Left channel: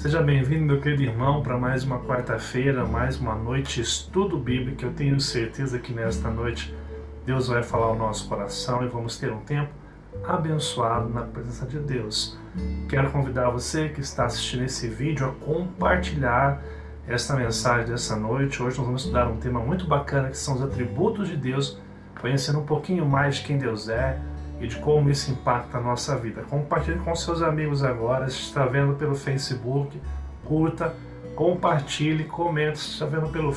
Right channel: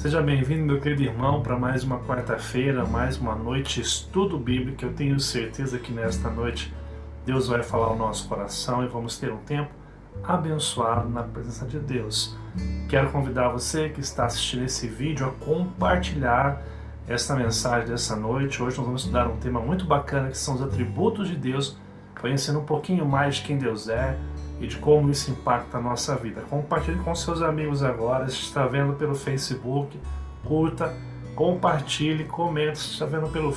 Seja bem-vindo, meu querido irmão, para mais uma quarta-feira, mais uma noite de estudo bíblico. Eu tenho certeza que nesta noite Deus vai falar ao nosso coração e vamos ter um tempo abençoado na presença de Deus. Quero convidar você que está assistindo esse vídeo a compartilhar esta mensagem dessa noite. Hoje nós vamos estudar um tema muito bacana que são os atributos de Deus, conhecendo um pouquinho mais de quem Deus é e de como isso impacta a nossa vida. Compartilhe com seus amigos agora. Se está vendo pelo Facebook, curta, compartilhe, comente. Se está vendo pelo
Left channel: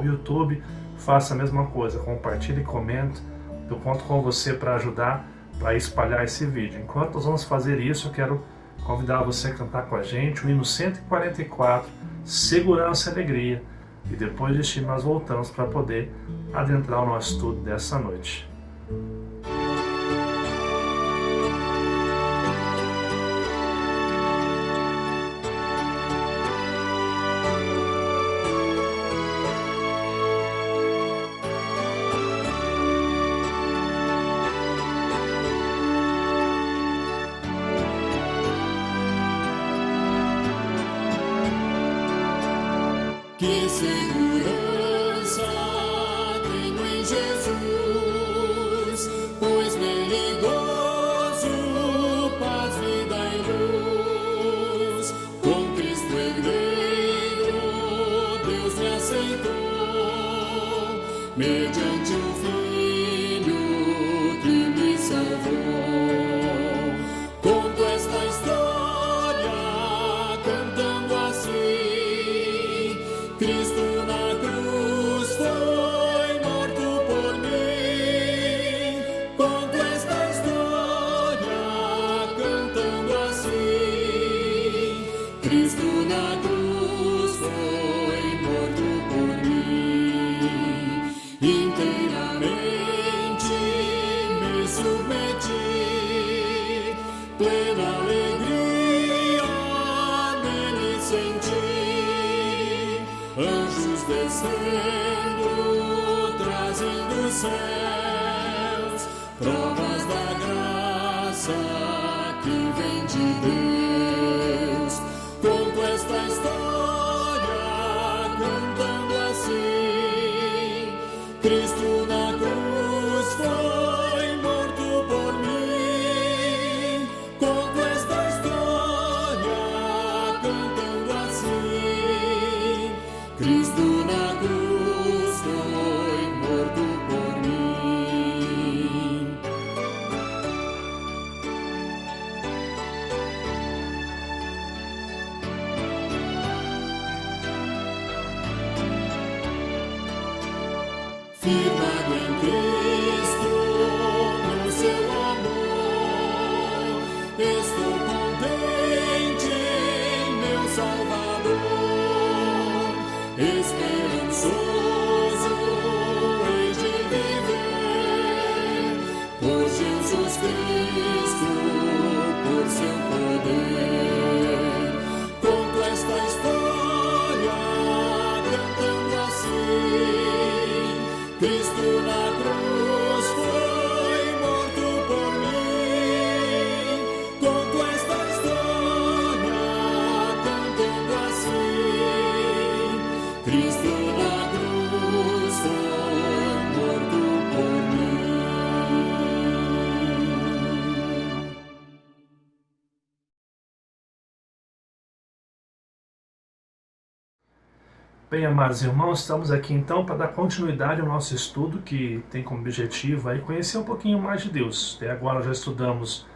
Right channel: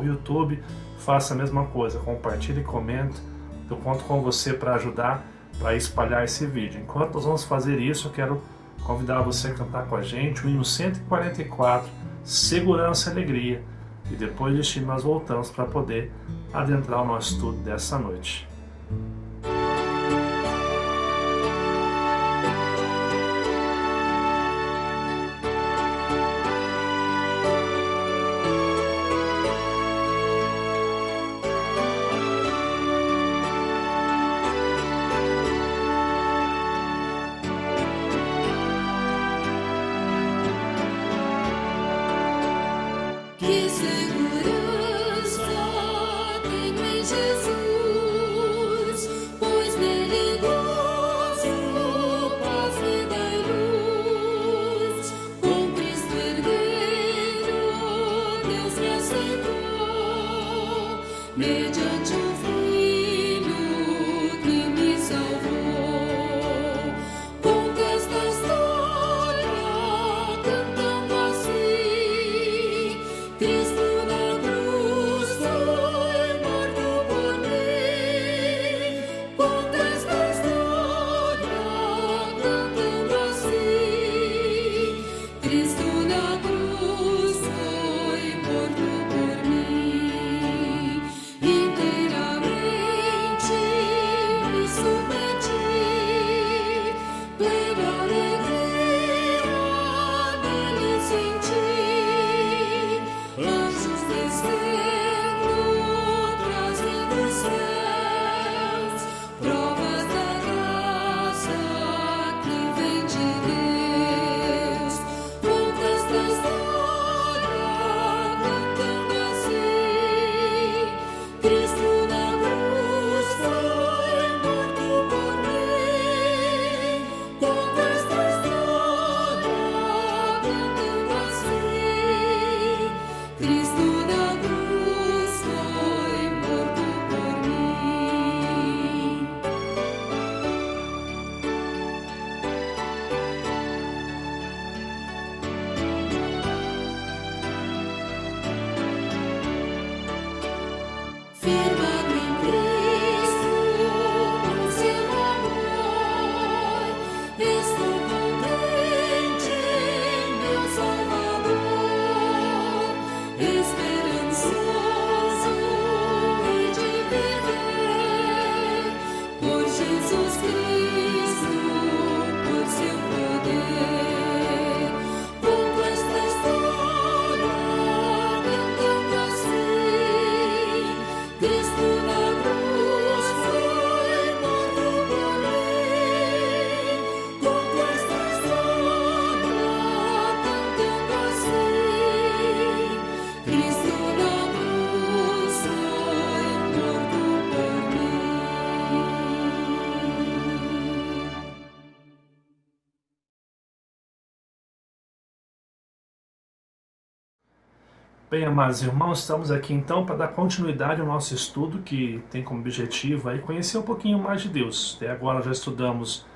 YouTube, faça a mesma coisa. Compartilhe e comente. Eu conto com você para ajudar, para espalhar esse vídeo. Enquanto nós vamos fazer isso, eu quero convidar você a cantar com a gente o hino 144, Segurança e Alegria. E depois deste hino nós voltamos para poder adentrar o nosso estudo dessa noite. Que segurança tenho em Jesus, pois nele gozo, paz, vida e luz. Com Cristo herdeiro, Deus me aceitou, mediante o Filho que me salvou. Conto esta história cantando assim: Cristo na cruz foi morto por mim. Conto esta história cantando assim: Cristo na cruz foi morto por mim. Inteiramente me submeti, plena alegria nele senti. Anjos descendo, trazendo os céus, provas da graça que vem de Deus. Conto esta história cantando assim: Cristo na cruz foi morto por mim. Conto esta história cantando assim: Cristo na cruz foi morto por mim. Firmado em Cristo, no seu amor, estou contente em meu Salvador. Esperançoso hei de viver por Jesus Cristo, por seu poder. Conto esta história cantando assim: Cristo na cruz foi morto por mim. Conto esta história cantando assim: Cristo na cruz foi morto por mim. Bem, amados irmãos, estamos aqui então para dar continuidade ao nosso estudo, que tem como objetivo aí conhecer um pouquinho mais de Deus. Até agora já estudamos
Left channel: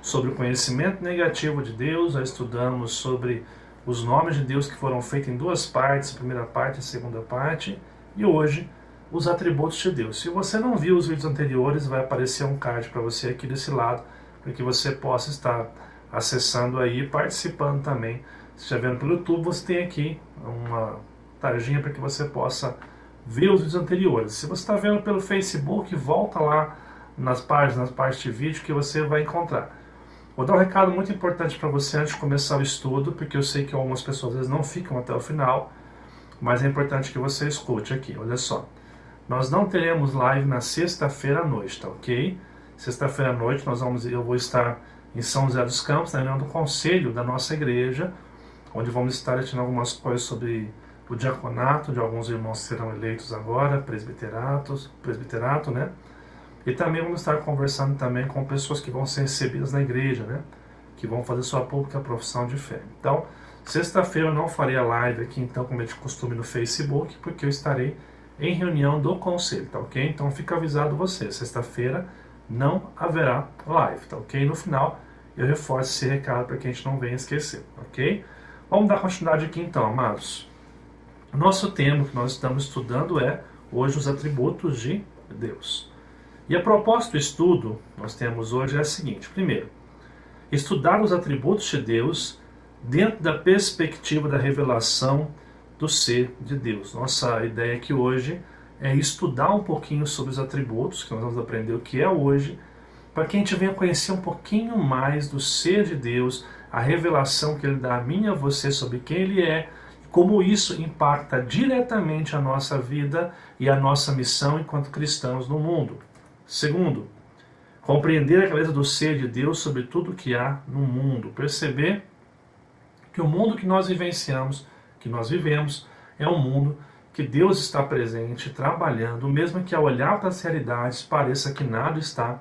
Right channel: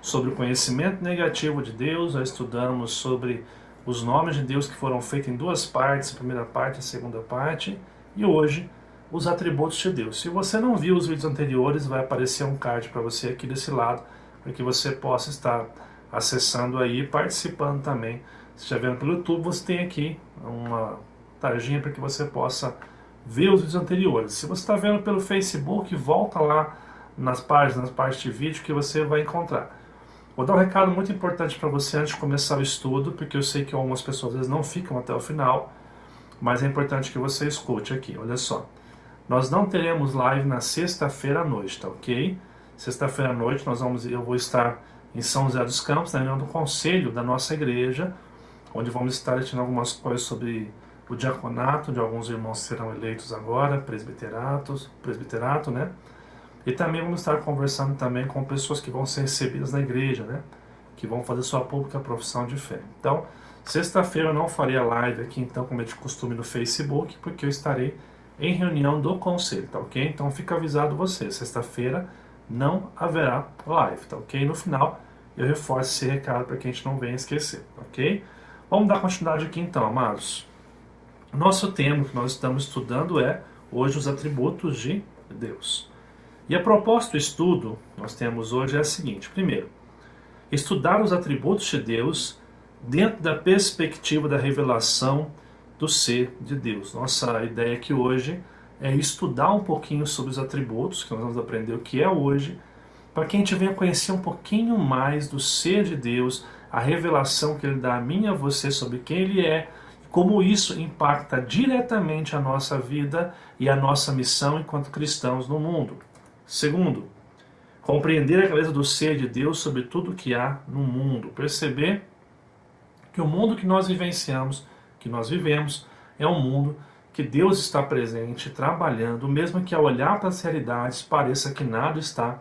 sobre o conhecimento negativo de Deus, já estudamos sobre os nomes de Deus que foram feitos em duas partes, a primeira parte e a segunda parte, e hoje os atributos de Deus. Se você não viu os vídeos anteriores, vai aparecer um card para você aqui desse lado, para que você possa estar acessando aí e participando também. Se estiver vendo pelo YouTube, você tem aqui uma tarjinha para que você possa ver os vídeos anteriores. Se você está vendo pelo Facebook, volta lá nas páginas, parte de vídeo, que você vai encontrar. Vou dar um recado muito importante para você antes de começar o estudo, porque eu sei que algumas pessoas às vezes não ficam até o final, mas é importante que você escute aqui. Olha só, nós não teremos live na sexta-feira à noite, tá ok? Sexta-feira à noite eu vou estar em São José dos Campos, na reunião do conselho da nossa igreja, onde vamos estar tendo algumas coisas sobre o diaconato de alguns irmãos que serão eleitos agora, presbiterato, né? E também vamos estar conversando também com pessoas que vão ser recebidas na igreja, né? Que vão fazer sua pública profissão de fé. Então, sexta-feira eu não farei a live aqui, então, como é de costume no Facebook, porque eu estarei em reunião do conselho, tá ok? Então fica avisado você, sexta-feira não haverá live, tá ok? No final eu reforço esse recado para que a gente não venha esquecer, ok? Vamos dar continuidade aqui então, amados. Nosso tema que nós estamos estudando é hoje os atributos de Deus. E a proposta do estudo que nós temos hoje é a seguinte: primeiro, estudar os atributos de Deus dentro da perspectiva da revelação do ser de Deus. Nossa ideia aqui hoje é estudar um pouquinho sobre os atributos, que nós vamos aprender o que é hoje, para que a gente venha conhecer um pouquinho mais do ser de Deus, a revelação que Ele dá a mim e a você sobre quem Ele é, e como isso impacta diretamente a nossa vida e a nossa missão enquanto cristãos no mundo. Segundo, compreender a clareza do ser de Deus sobre tudo que há no mundo. Perceber que o mundo que nós vivenciamos, que nós vivemos, é um mundo que Deus está presente, trabalhando, mesmo que ao olhar para as realidades pareça que nada está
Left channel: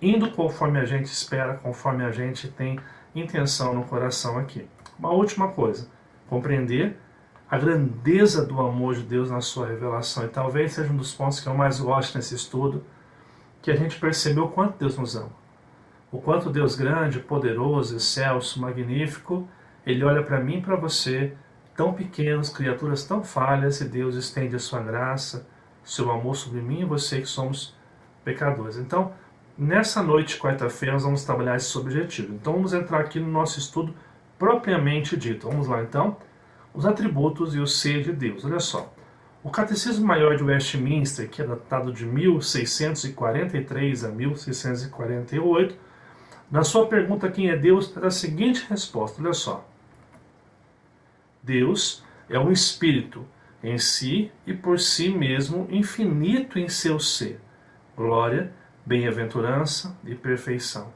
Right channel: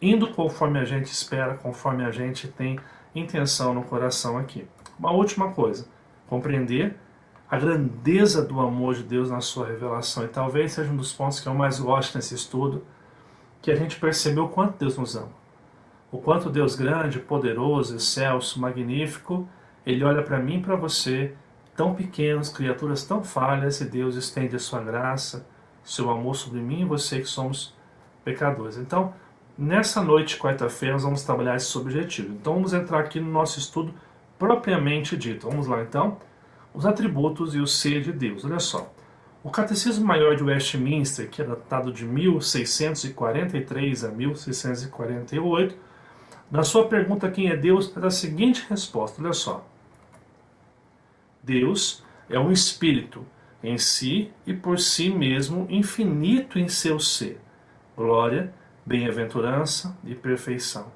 indo conforme a gente espera, conforme a gente tem intenção no coração aqui. Uma última coisa, compreender a grandeza do amor de Deus na sua revelação, e talvez seja um dos pontos que eu mais gosto nesse estudo, que a gente percebeu o quanto Deus nos ama. O quanto Deus grande, poderoso, excelso, magnífico, Ele olha para mim e para você, tão pequenos, criaturas tão falhas, e Deus estende a sua graça, seu amor sobre mim e você que somos pecadores. Então, nessa noite de quarta-feira, nós vamos trabalhar esse objetivo. Então, vamos entrar aqui no nosso estudo propriamente dito. Vamos lá, então. Os atributos e o ser de Deus. Olha só. O Catecismo Maior de Westminster, que é datado de 1643 a 1648, na sua pergunta quem é Deus, traz a seguinte resposta. Olha só. Deus é um espírito em si e por si mesmo infinito em seu ser. Glória, bem-aventurança e perfeição.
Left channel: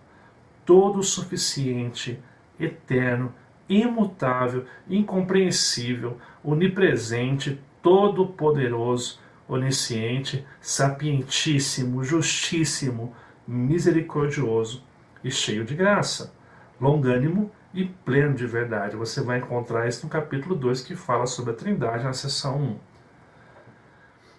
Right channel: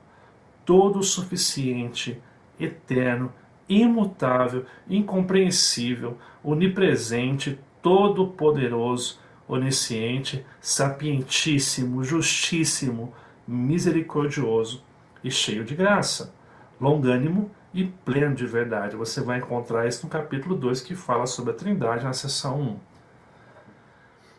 Todo suficiente, eterno, imutável, incompreensível, onipresente, todo-poderoso, onisciente, sapientíssimo, justíssimo, misericordioso e cheio de graça, longânimo e pleno de verdade. Você vai encontrar isso no capítulo 2, que fala sobre a Trindade, na seção 1.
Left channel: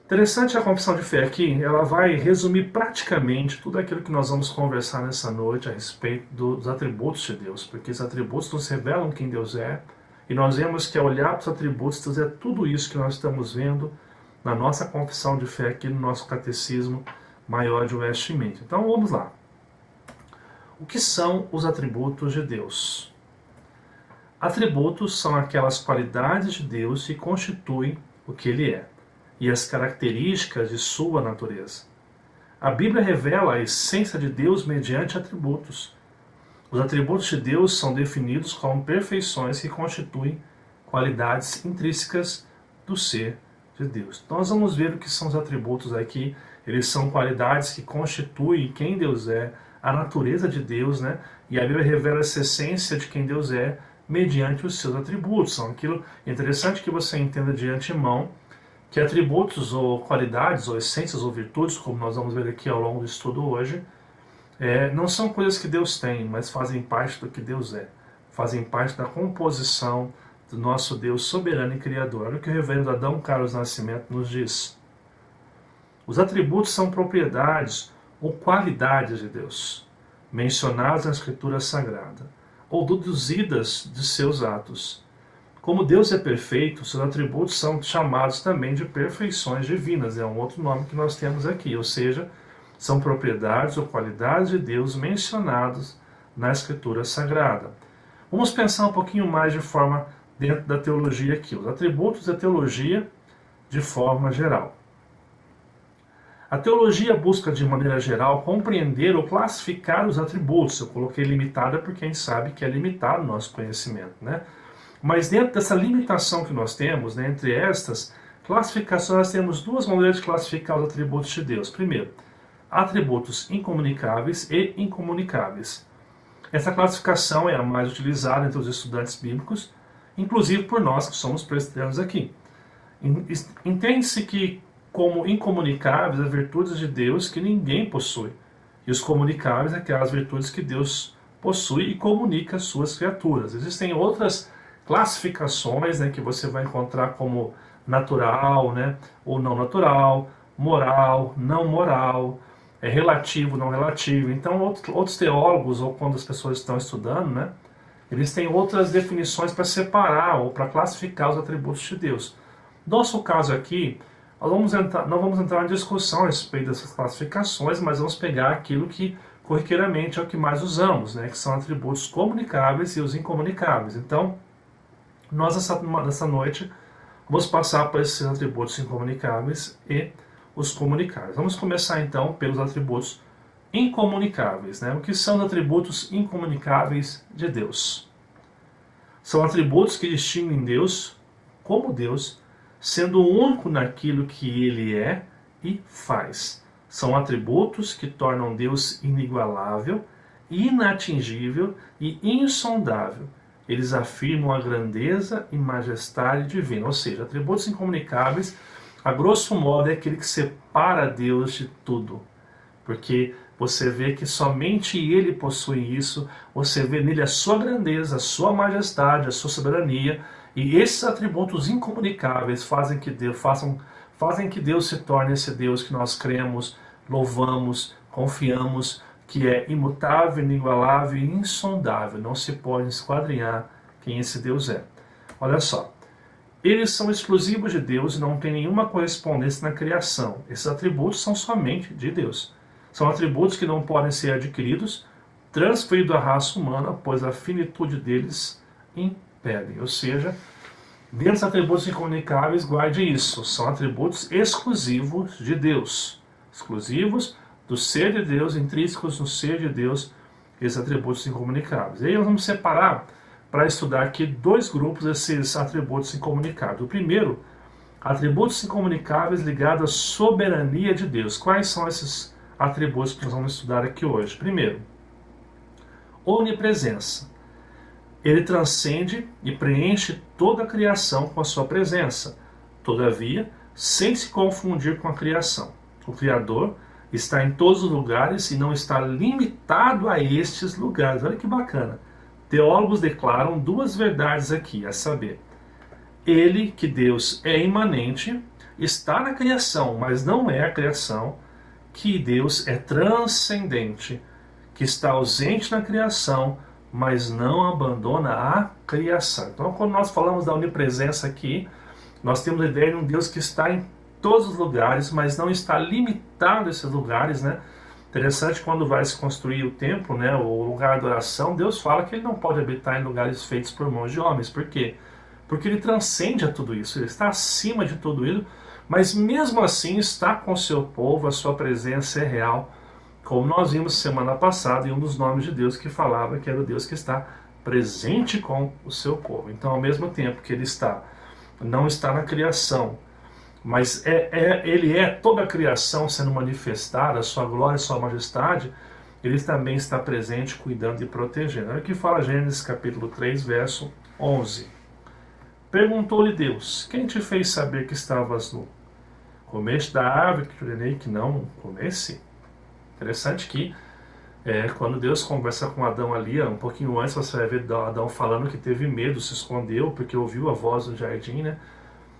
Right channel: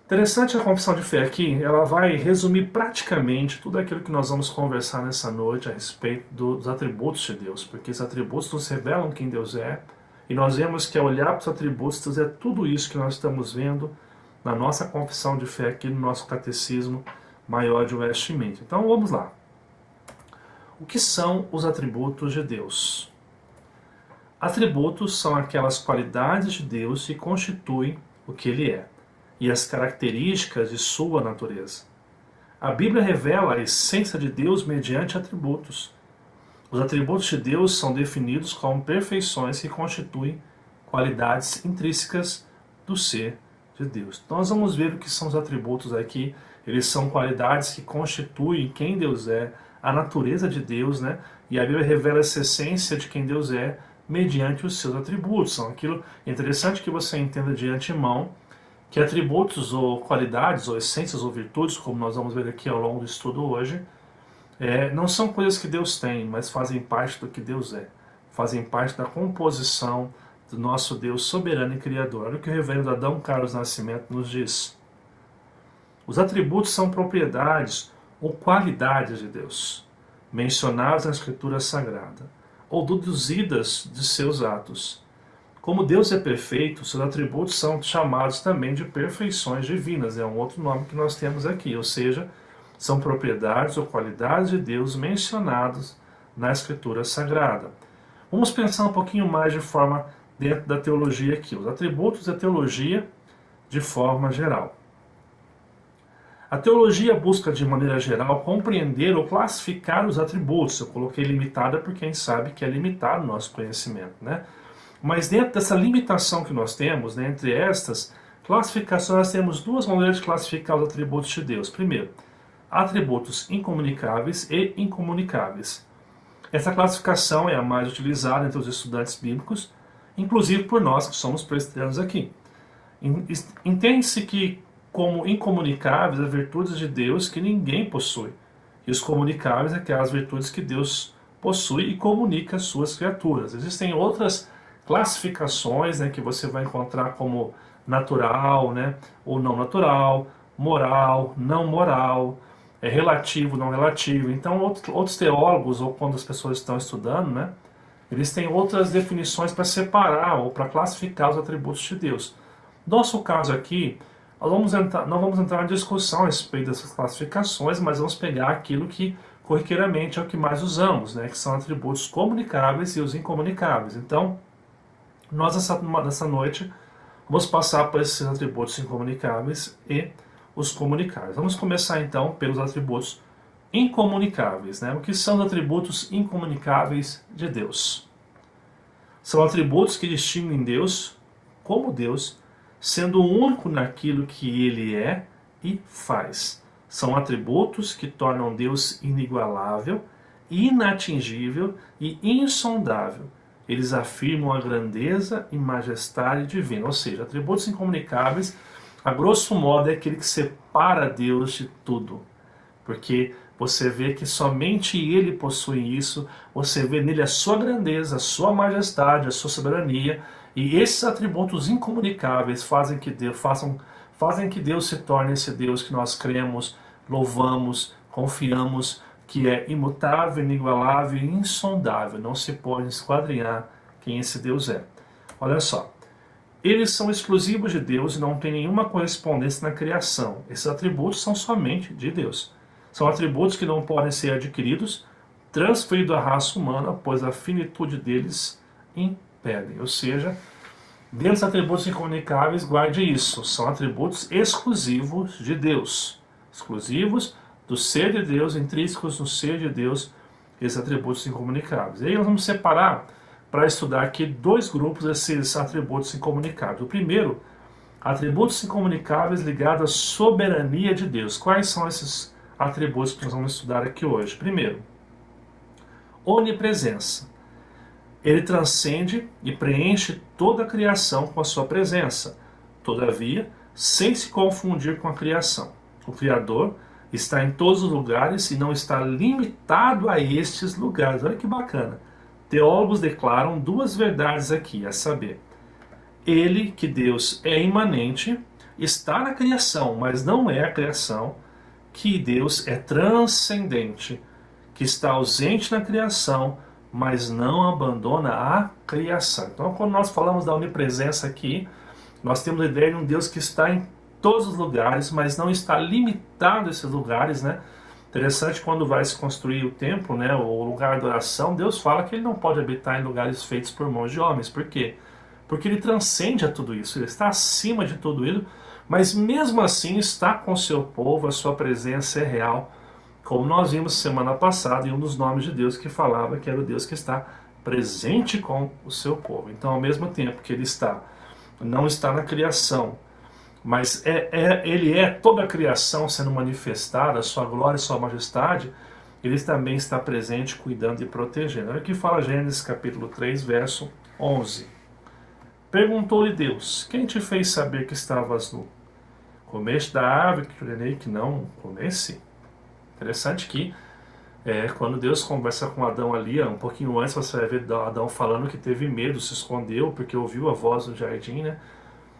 Interessante a confissão de fé aqui, ela vai resumir praticamente tudo aquilo que nós vamos conversar nessa noite a respeito dos atributos de Deus, porque esses atributos nos revelam quem Deus é, e nós vemos que ao olhar para os atributos, Deus é tudo isso que nós estamos vendo na nossa confissão de fé aqui no nosso Catecismo Maior de Westminster. Então vamos lá. O que são os atributos de Deus? Atributos são aquelas qualidades de Deus que constituem o que Ele é e as características de sua natureza. A Bíblia revela a essência de Deus mediante atributos. Os atributos de Deus são definidos como perfeições que constituem qualidades intrínsecas do ser de Deus. Então nós vamos ver o que são os atributos aqui. Eles são qualidades que constituem quem Deus é, a natureza de Deus, né? E a Bíblia revela essa essência de quem Deus é mediante os seus atributos. São aquilo interessante que você entenda de antemão, que atributos ou qualidades, ou essências ou virtudes, como nós vamos ver aqui ao longo do estudo hoje, não são coisas que Deus tem, mas fazem parte do que Deus é. Fazem parte da composição do nosso Deus soberano e criador. Olha o que o reverendo Adão Carlos Nascimento nos diz. Os atributos são propriedades ou qualidades de Deus, mencionadas na Escritura Sagrada, ou deduzidas de seus atos. Como Deus é perfeito, seus atributos são chamados também de perfeições divinas. É um outro nome que nós temos aqui, ou seja, são propriedades ou qualidades de Deus mencionadas na Escritura Sagrada. Vamos pensar um pouquinho mais de forma dentro da teologia aqui. Os atributos da teologia de forma geral. A teologia busca, de maneira geral, compreender ou classificar os atributos. Eu coloquei limitada porque a gente sabe que é limitado o nosso conhecimento, né? Mas dentro dessa limitação que nós temos, né, entre estas classificações, nós temos duas maneiras de classificar os atributos de Deus. Primeiro, atributos incomunicáveis e incomunicáveis. Essa classificação é a mais utilizada entre os estudantes bíblicos inclusive por nós que somos presbiterianos aqui. Entende-se que, como incomunicáveis, as virtudes de Deus que ninguém possui, e os comunicáveis, aquelas virtudes que Deus possui e comunica às suas criaturas. Existem outras classificações, né, que você vai encontrar como natural, né, ou não natural, moral, não moral, relativo, não relativo. Então, outros teólogos, ou quando as pessoas estão estudando, né, eles têm outras definições para separar ou para classificar os atributos de Deus. Nosso caso aqui, não vamos entrar em discussão a respeito dessas classificações, mas vamos pegar aquilo que corriqueiramente é o que mais usamos, né, que são atributos comunicáveis e os incomunicáveis. Então, nós nessa noite vamos passar por esses atributos incomunicáveis e os comunicáveis. Vamos começar então pelos atributos incomunicáveis, né? O que são os atributos incomunicáveis de Deus? São atributos que distinguem Deus como Deus, sendo único naquilo que Ele é e faz. São atributos que tornam Deus inigualável, inatingível e insondável. Eles afirmam a grandeza e majestade divina, ou seja, atributos incomunicáveis, a grosso modo, é aquele que separa Deus de tudo. Porque você vê que somente Ele possui isso, você vê nele a sua grandeza, a sua majestade, a sua soberania, e esses atributos incomunicáveis fazem que Deus se torne esse Deus que nós cremos, louvamos, confiamos, que é imutável, inigualável e insondável. Não se pode esquadrinhar quem esse Deus é. Olha só. Eles são exclusivos de Deus e não tem nenhuma correspondência na criação. Esses atributos são somente de Deus. São atributos que não podem ser adquiridos, transferidos à raça humana, pois a finitude deles impede. Ou seja, dentro dos atributos incomunicáveis, guarde isso. São atributos exclusivos de Deus. Exclusivos do ser de Deus, intrínsecos no ser de Deus, esses atributos incomunicáveis. E aí nós vamos separar para estudar aqui dois grupos desses atributos incomunicáveis. O primeiro, atributos incomunicáveis ligados à soberania de Deus. Quais são esses atributos que nós vamos estudar aqui hoje? Primeiro, onipresença. Ele transcende e preenche toda a criação com a sua presença, todavia, sem se confundir com a criação. O Criador está em todos os lugares e não está limitado a estes lugares. Olha que bacana. Teólogos declaram duas verdades aqui, a saber, ele, que Deus é imanente, está na criação, mas não é a criação, que Deus é transcendente, que está ausente na criação, mas não abandona a criação. Então, quando nós falamos da onipresença aqui, nós temos a ideia de um Deus que está em todos os lugares, mas não está limitado a esses lugares, né? Interessante, quando vai se construir o templo, né, o lugar de oração, Deus fala que ele não pode habitar em lugares feitos por mãos de homens. Por quê? Porque ele transcende a tudo isso, ele está acima de tudo isso, mas mesmo assim está com o seu povo, a sua presença é real, como nós vimos semana passada em um dos nomes de Deus que falava que era o Deus que está presente com o seu povo. Então, ao mesmo tempo que ele não está na criação, mas ele é toda a criação sendo manifestada, a sua glória e sua majestade, ele também está presente, cuidando e protegendo. Olha o que fala Gênesis capítulo 3, verso 11. Perguntou-lhe Deus, quem te fez saber que estavas nu? Comeste da árvore que te ordenei que não comesse? Interessante que quando Deus conversa com Adão ali, um pouquinho antes você vai ver Adão falando que teve medo, se escondeu, porque ouviu a voz do jardim, né?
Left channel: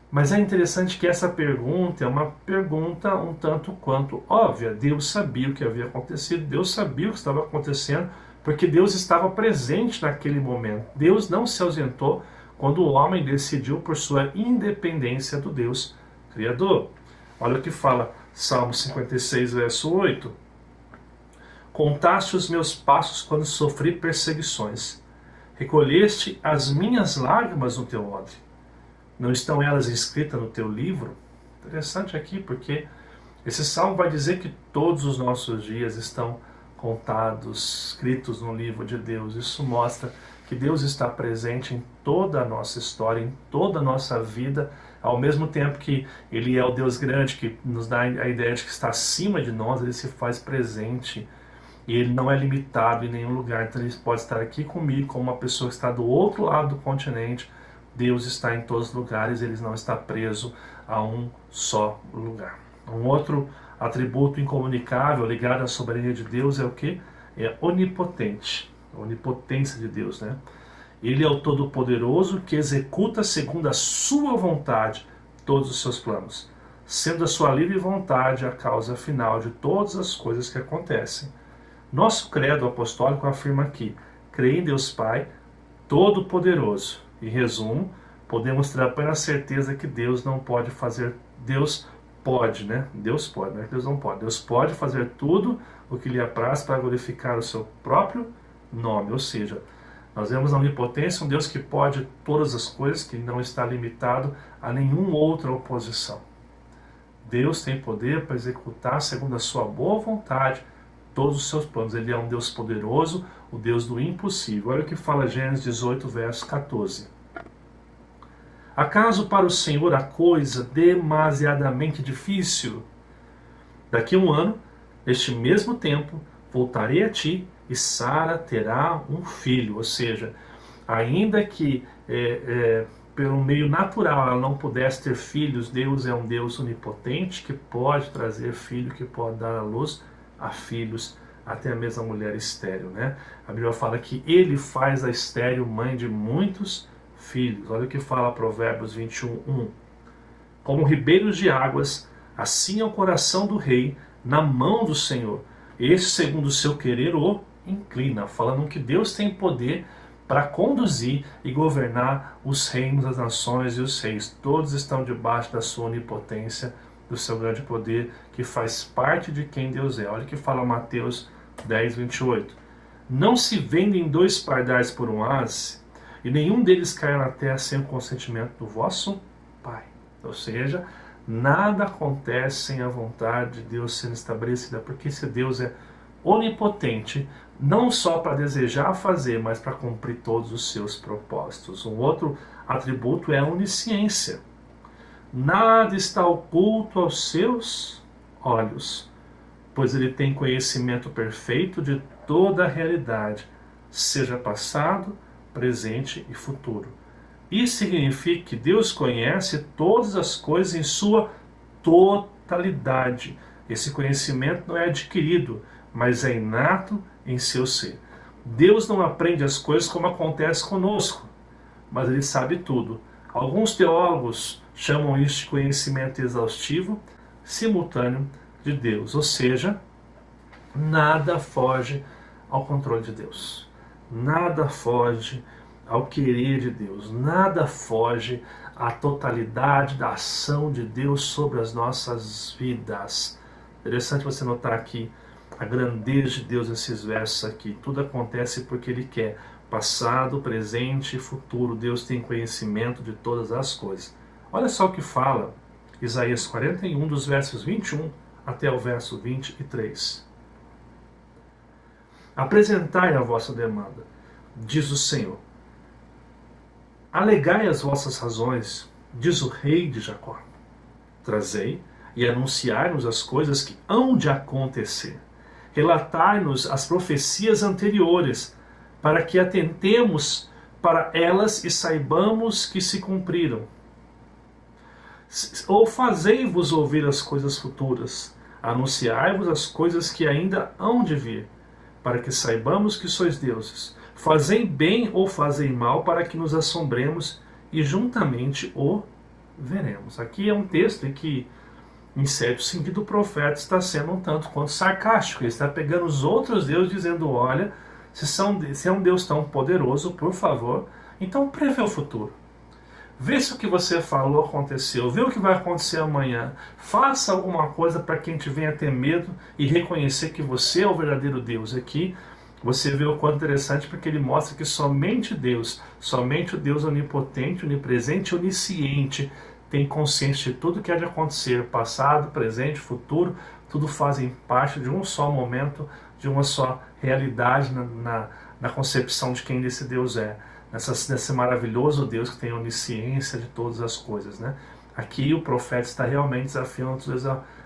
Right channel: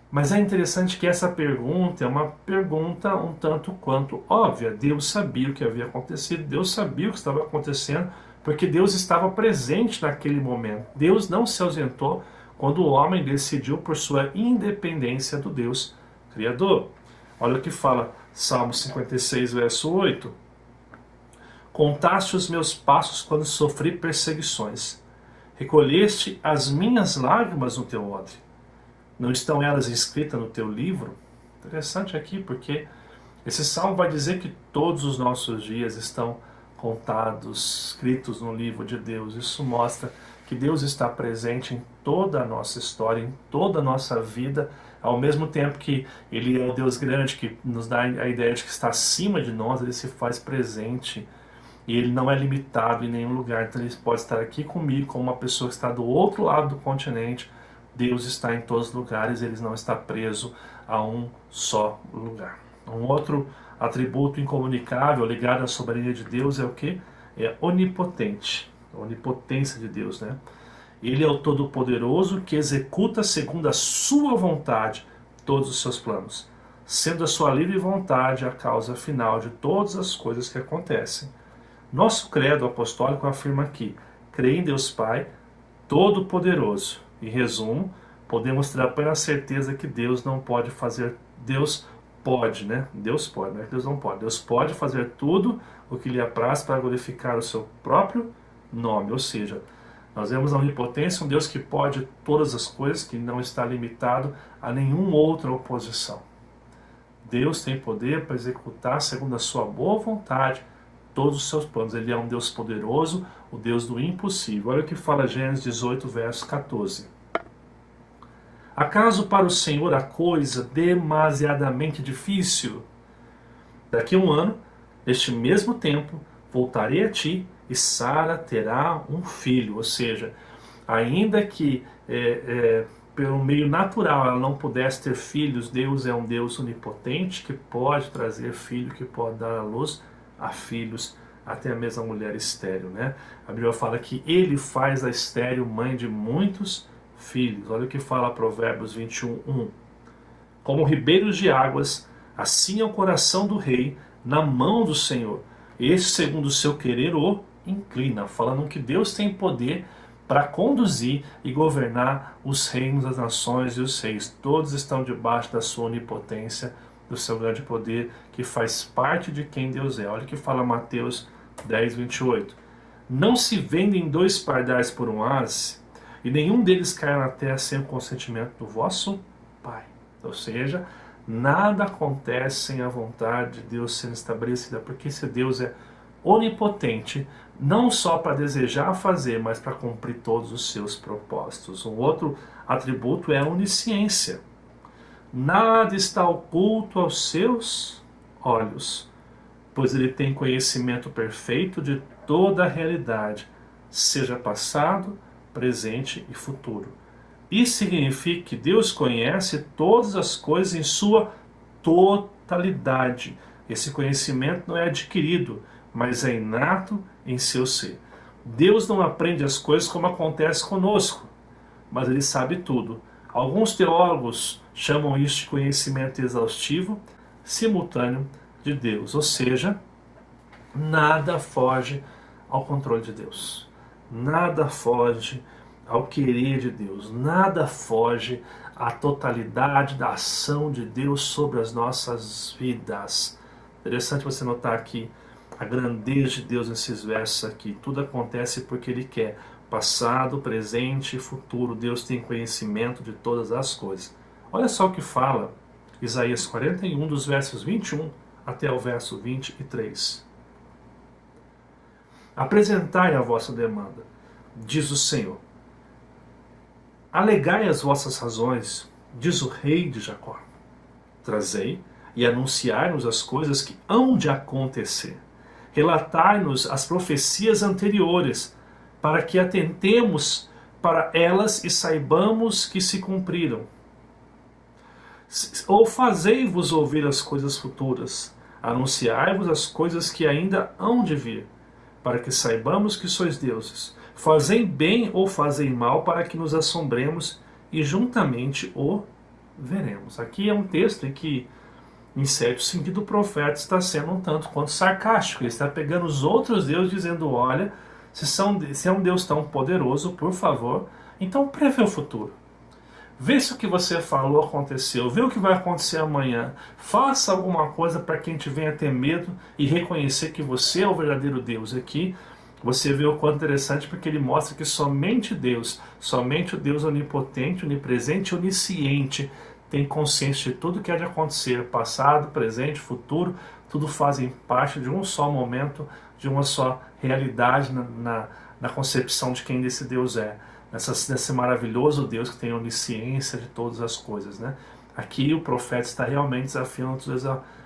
Mas é interessante que essa pergunta é uma pergunta um tanto quanto óbvia. Deus sabia o que havia acontecido, Deus sabia o que estava acontecendo, porque Deus estava presente naquele momento. Deus não se ausentou quando o homem decidiu por sua independência do Deus Criador. Olha o que fala Salmo 56, verso 8. Contaste os meus passos quando sofri perseguições. Recolheste as minhas lágrimas no teu odre. Não estão elas escritas no teu livro? Interessante aqui, porque esse salmo vai dizer que todos os nossos dias estão contados, escritos no livro de Deus. Isso mostra que Deus está presente em toda a nossa história, em toda a nossa vida, ao mesmo tempo que Ele é o Deus grande, que nos dá a ideia de que está acima de nós, Ele se faz presente. E Ele não é limitado em nenhum lugar. Então Ele pode estar aqui comigo, como uma pessoa que está do outro lado do continente, Deus está em todos os lugares, Ele não está preso a um só lugar. Um outro atributo incomunicável ligado à soberania de Deus é o quê? É onipotente, a onipotência de Deus, né? Ele é o Todo-Poderoso que executa segundo a sua vontade todos os seus planos, sendo a sua livre vontade a causa final de todas as coisas que acontecem. Nosso credo apostólico afirma que crê em Deus Pai Todo-Poderoso. Em resumo, podemos ter a plena certeza que Deus não pode fazer, Deus pode, né? Deus pode, não é que Deus não pode. Deus pode fazer tudo o que lhe apraz para glorificar o seu próprio nome. Ou seja, nós vemos na onipotência um Deus que pode todas as coisas, que não está limitado a nenhuma outra oposição. Deus tem poder para executar segundo a sua boa vontade todos os seus planos. Ele é um Deus poderoso, o Deus do impossível. Olha o que fala Gênesis 18, verso 14. Acaso para o Senhor a coisa demasiadamente difícil? Daqui a um ano, neste mesmo tempo, voltarei a ti e Sara terá um filho. Ou seja, ainda que pelo meio natural ela não pudesse ter filhos, Deus é um Deus onipotente que pode trazer filho, que pode dar à luz a filhos, até a mesma mulher estéril, né? A Bíblia fala que ele faz a estéril mãe de muitos filhos. Olha o que fala Provérbios 21:1. Como ribeiros de águas, assim é o coração do rei na mão do Senhor. Este, segundo o seu querer, o inclina. Falando que Deus tem poder para conduzir e governar os reinos das nações e os reis. Todos estão debaixo da sua onipotência, do seu grande poder, que faz parte de quem Deus é. Olha o que fala Mateus 10:28. Não se vendem 2 pardais por um ás, e nenhum deles cai na terra sem o consentimento do vosso Pai. Ou seja, nada acontece sem a vontade de Deus sendo estabelecida, porque esse Deus é onipotente, não só para desejar fazer, mas para cumprir todos os seus propósitos. Um outro atributo é a onisciência. Nada está oculto aos seus olhos, pois ele tem conhecimento perfeito de toda a realidade, seja passado, presente e futuro. Isso significa que Deus conhece todas as coisas em sua totalidade. Esse conhecimento não é adquirido, mas é inato em seu ser. Deus não aprende as coisas como acontece conosco, mas ele sabe tudo. Alguns teólogos chamam isso de conhecimento exaustivo, simultâneo de Deus. Ou seja, nada foge ao controle de Deus. Nada foge ao querer de Deus. Nada foge à totalidade da ação de Deus sobre as nossas vidas. Interessante você notar aqui a grandeza de Deus nesses versos aqui. Tudo acontece porque Ele quer. Passado, presente e futuro. Deus tem conhecimento de todas as coisas. Olha só o que fala Isaías 41, dos versos 21 até o verso 23. Apresentai a vossa demanda, diz o Senhor. Alegai as vossas razões, diz o rei de Jacó. Trazei e anunciai-nos as coisas que hão de acontecer. Relatai-nos as profecias anteriores, para que atentemos para elas e saibamos que se cumpriram. Ou fazei-vos ouvir as coisas futuras, anunciai-vos as coisas que ainda hão de vir, para que saibamos que sois deuses. Fazei bem ou fazei mal, para que nos assombremos e juntamente o veremos. Aqui é um texto em que, em certo sentido, o profeta está sendo um tanto quanto sarcástico. Ele está pegando os outros deuses dizendo, olha, se é um Deus tão poderoso, por favor, então prevê o futuro. Vê se o que você falou aconteceu, vê o que vai acontecer amanhã. Faça alguma coisa para que a gente venha ter medo e reconhecer que você é o verdadeiro Deus. Aqui você vê o quanto interessante, porque ele mostra que somente Deus, somente o Deus onipotente, onipresente e onisciente tem consciência de tudo que há de acontecer, passado, presente, futuro, tudo fazem parte de um só momento, de uma só realidade na concepção de quem esse Deus é. Nesse maravilhoso Deus que tem onisciência de todas as coisas, né? Aqui o profeta está realmente desafiando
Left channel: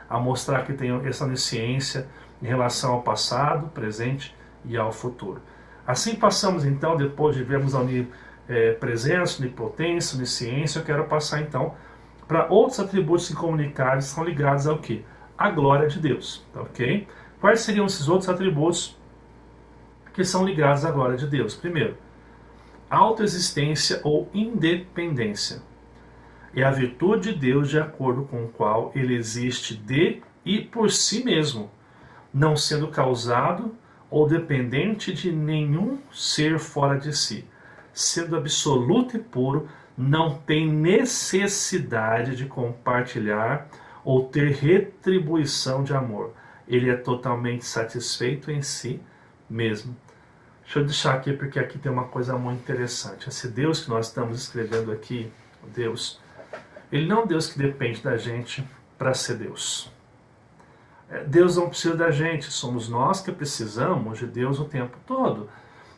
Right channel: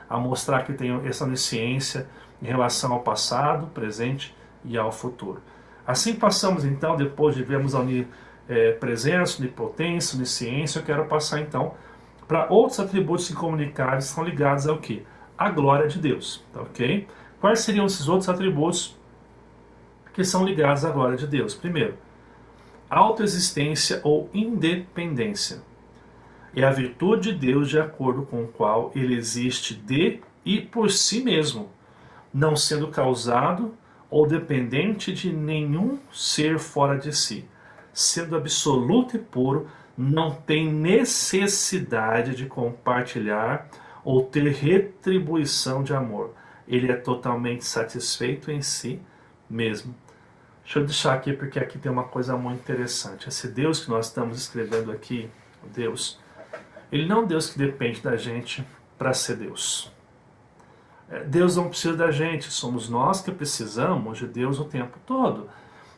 a mostrar que tem essa onisciência em relação ao passado, presente e ao futuro. Assim passamos então, depois de vermos a presença, onipotência, onisciência. Eu quero passar então para outros atributos incomunicáveis que são ligados ao quê? A glória de Deus, tá, ok? Quais seriam esses outros atributos que são ligados à glória de Deus? Primeiro, autoexistência ou independência. É a virtude de Deus de acordo com o qual ele existe de e por si mesmo, não sendo causado ou dependente de nenhum ser fora de si. Sendo absoluto e puro, não tem necessidade de compartilhar ou ter retribuição de amor. Ele é totalmente satisfeito em si mesmo. Deixa eu deixar aqui, porque aqui tem uma coisa muito interessante. Esse Deus que nós estamos escrevendo aqui, Deus, ele não é um Deus que depende da gente para ser Deus. Deus não precisa da gente, somos nós que precisamos de Deus o tempo todo.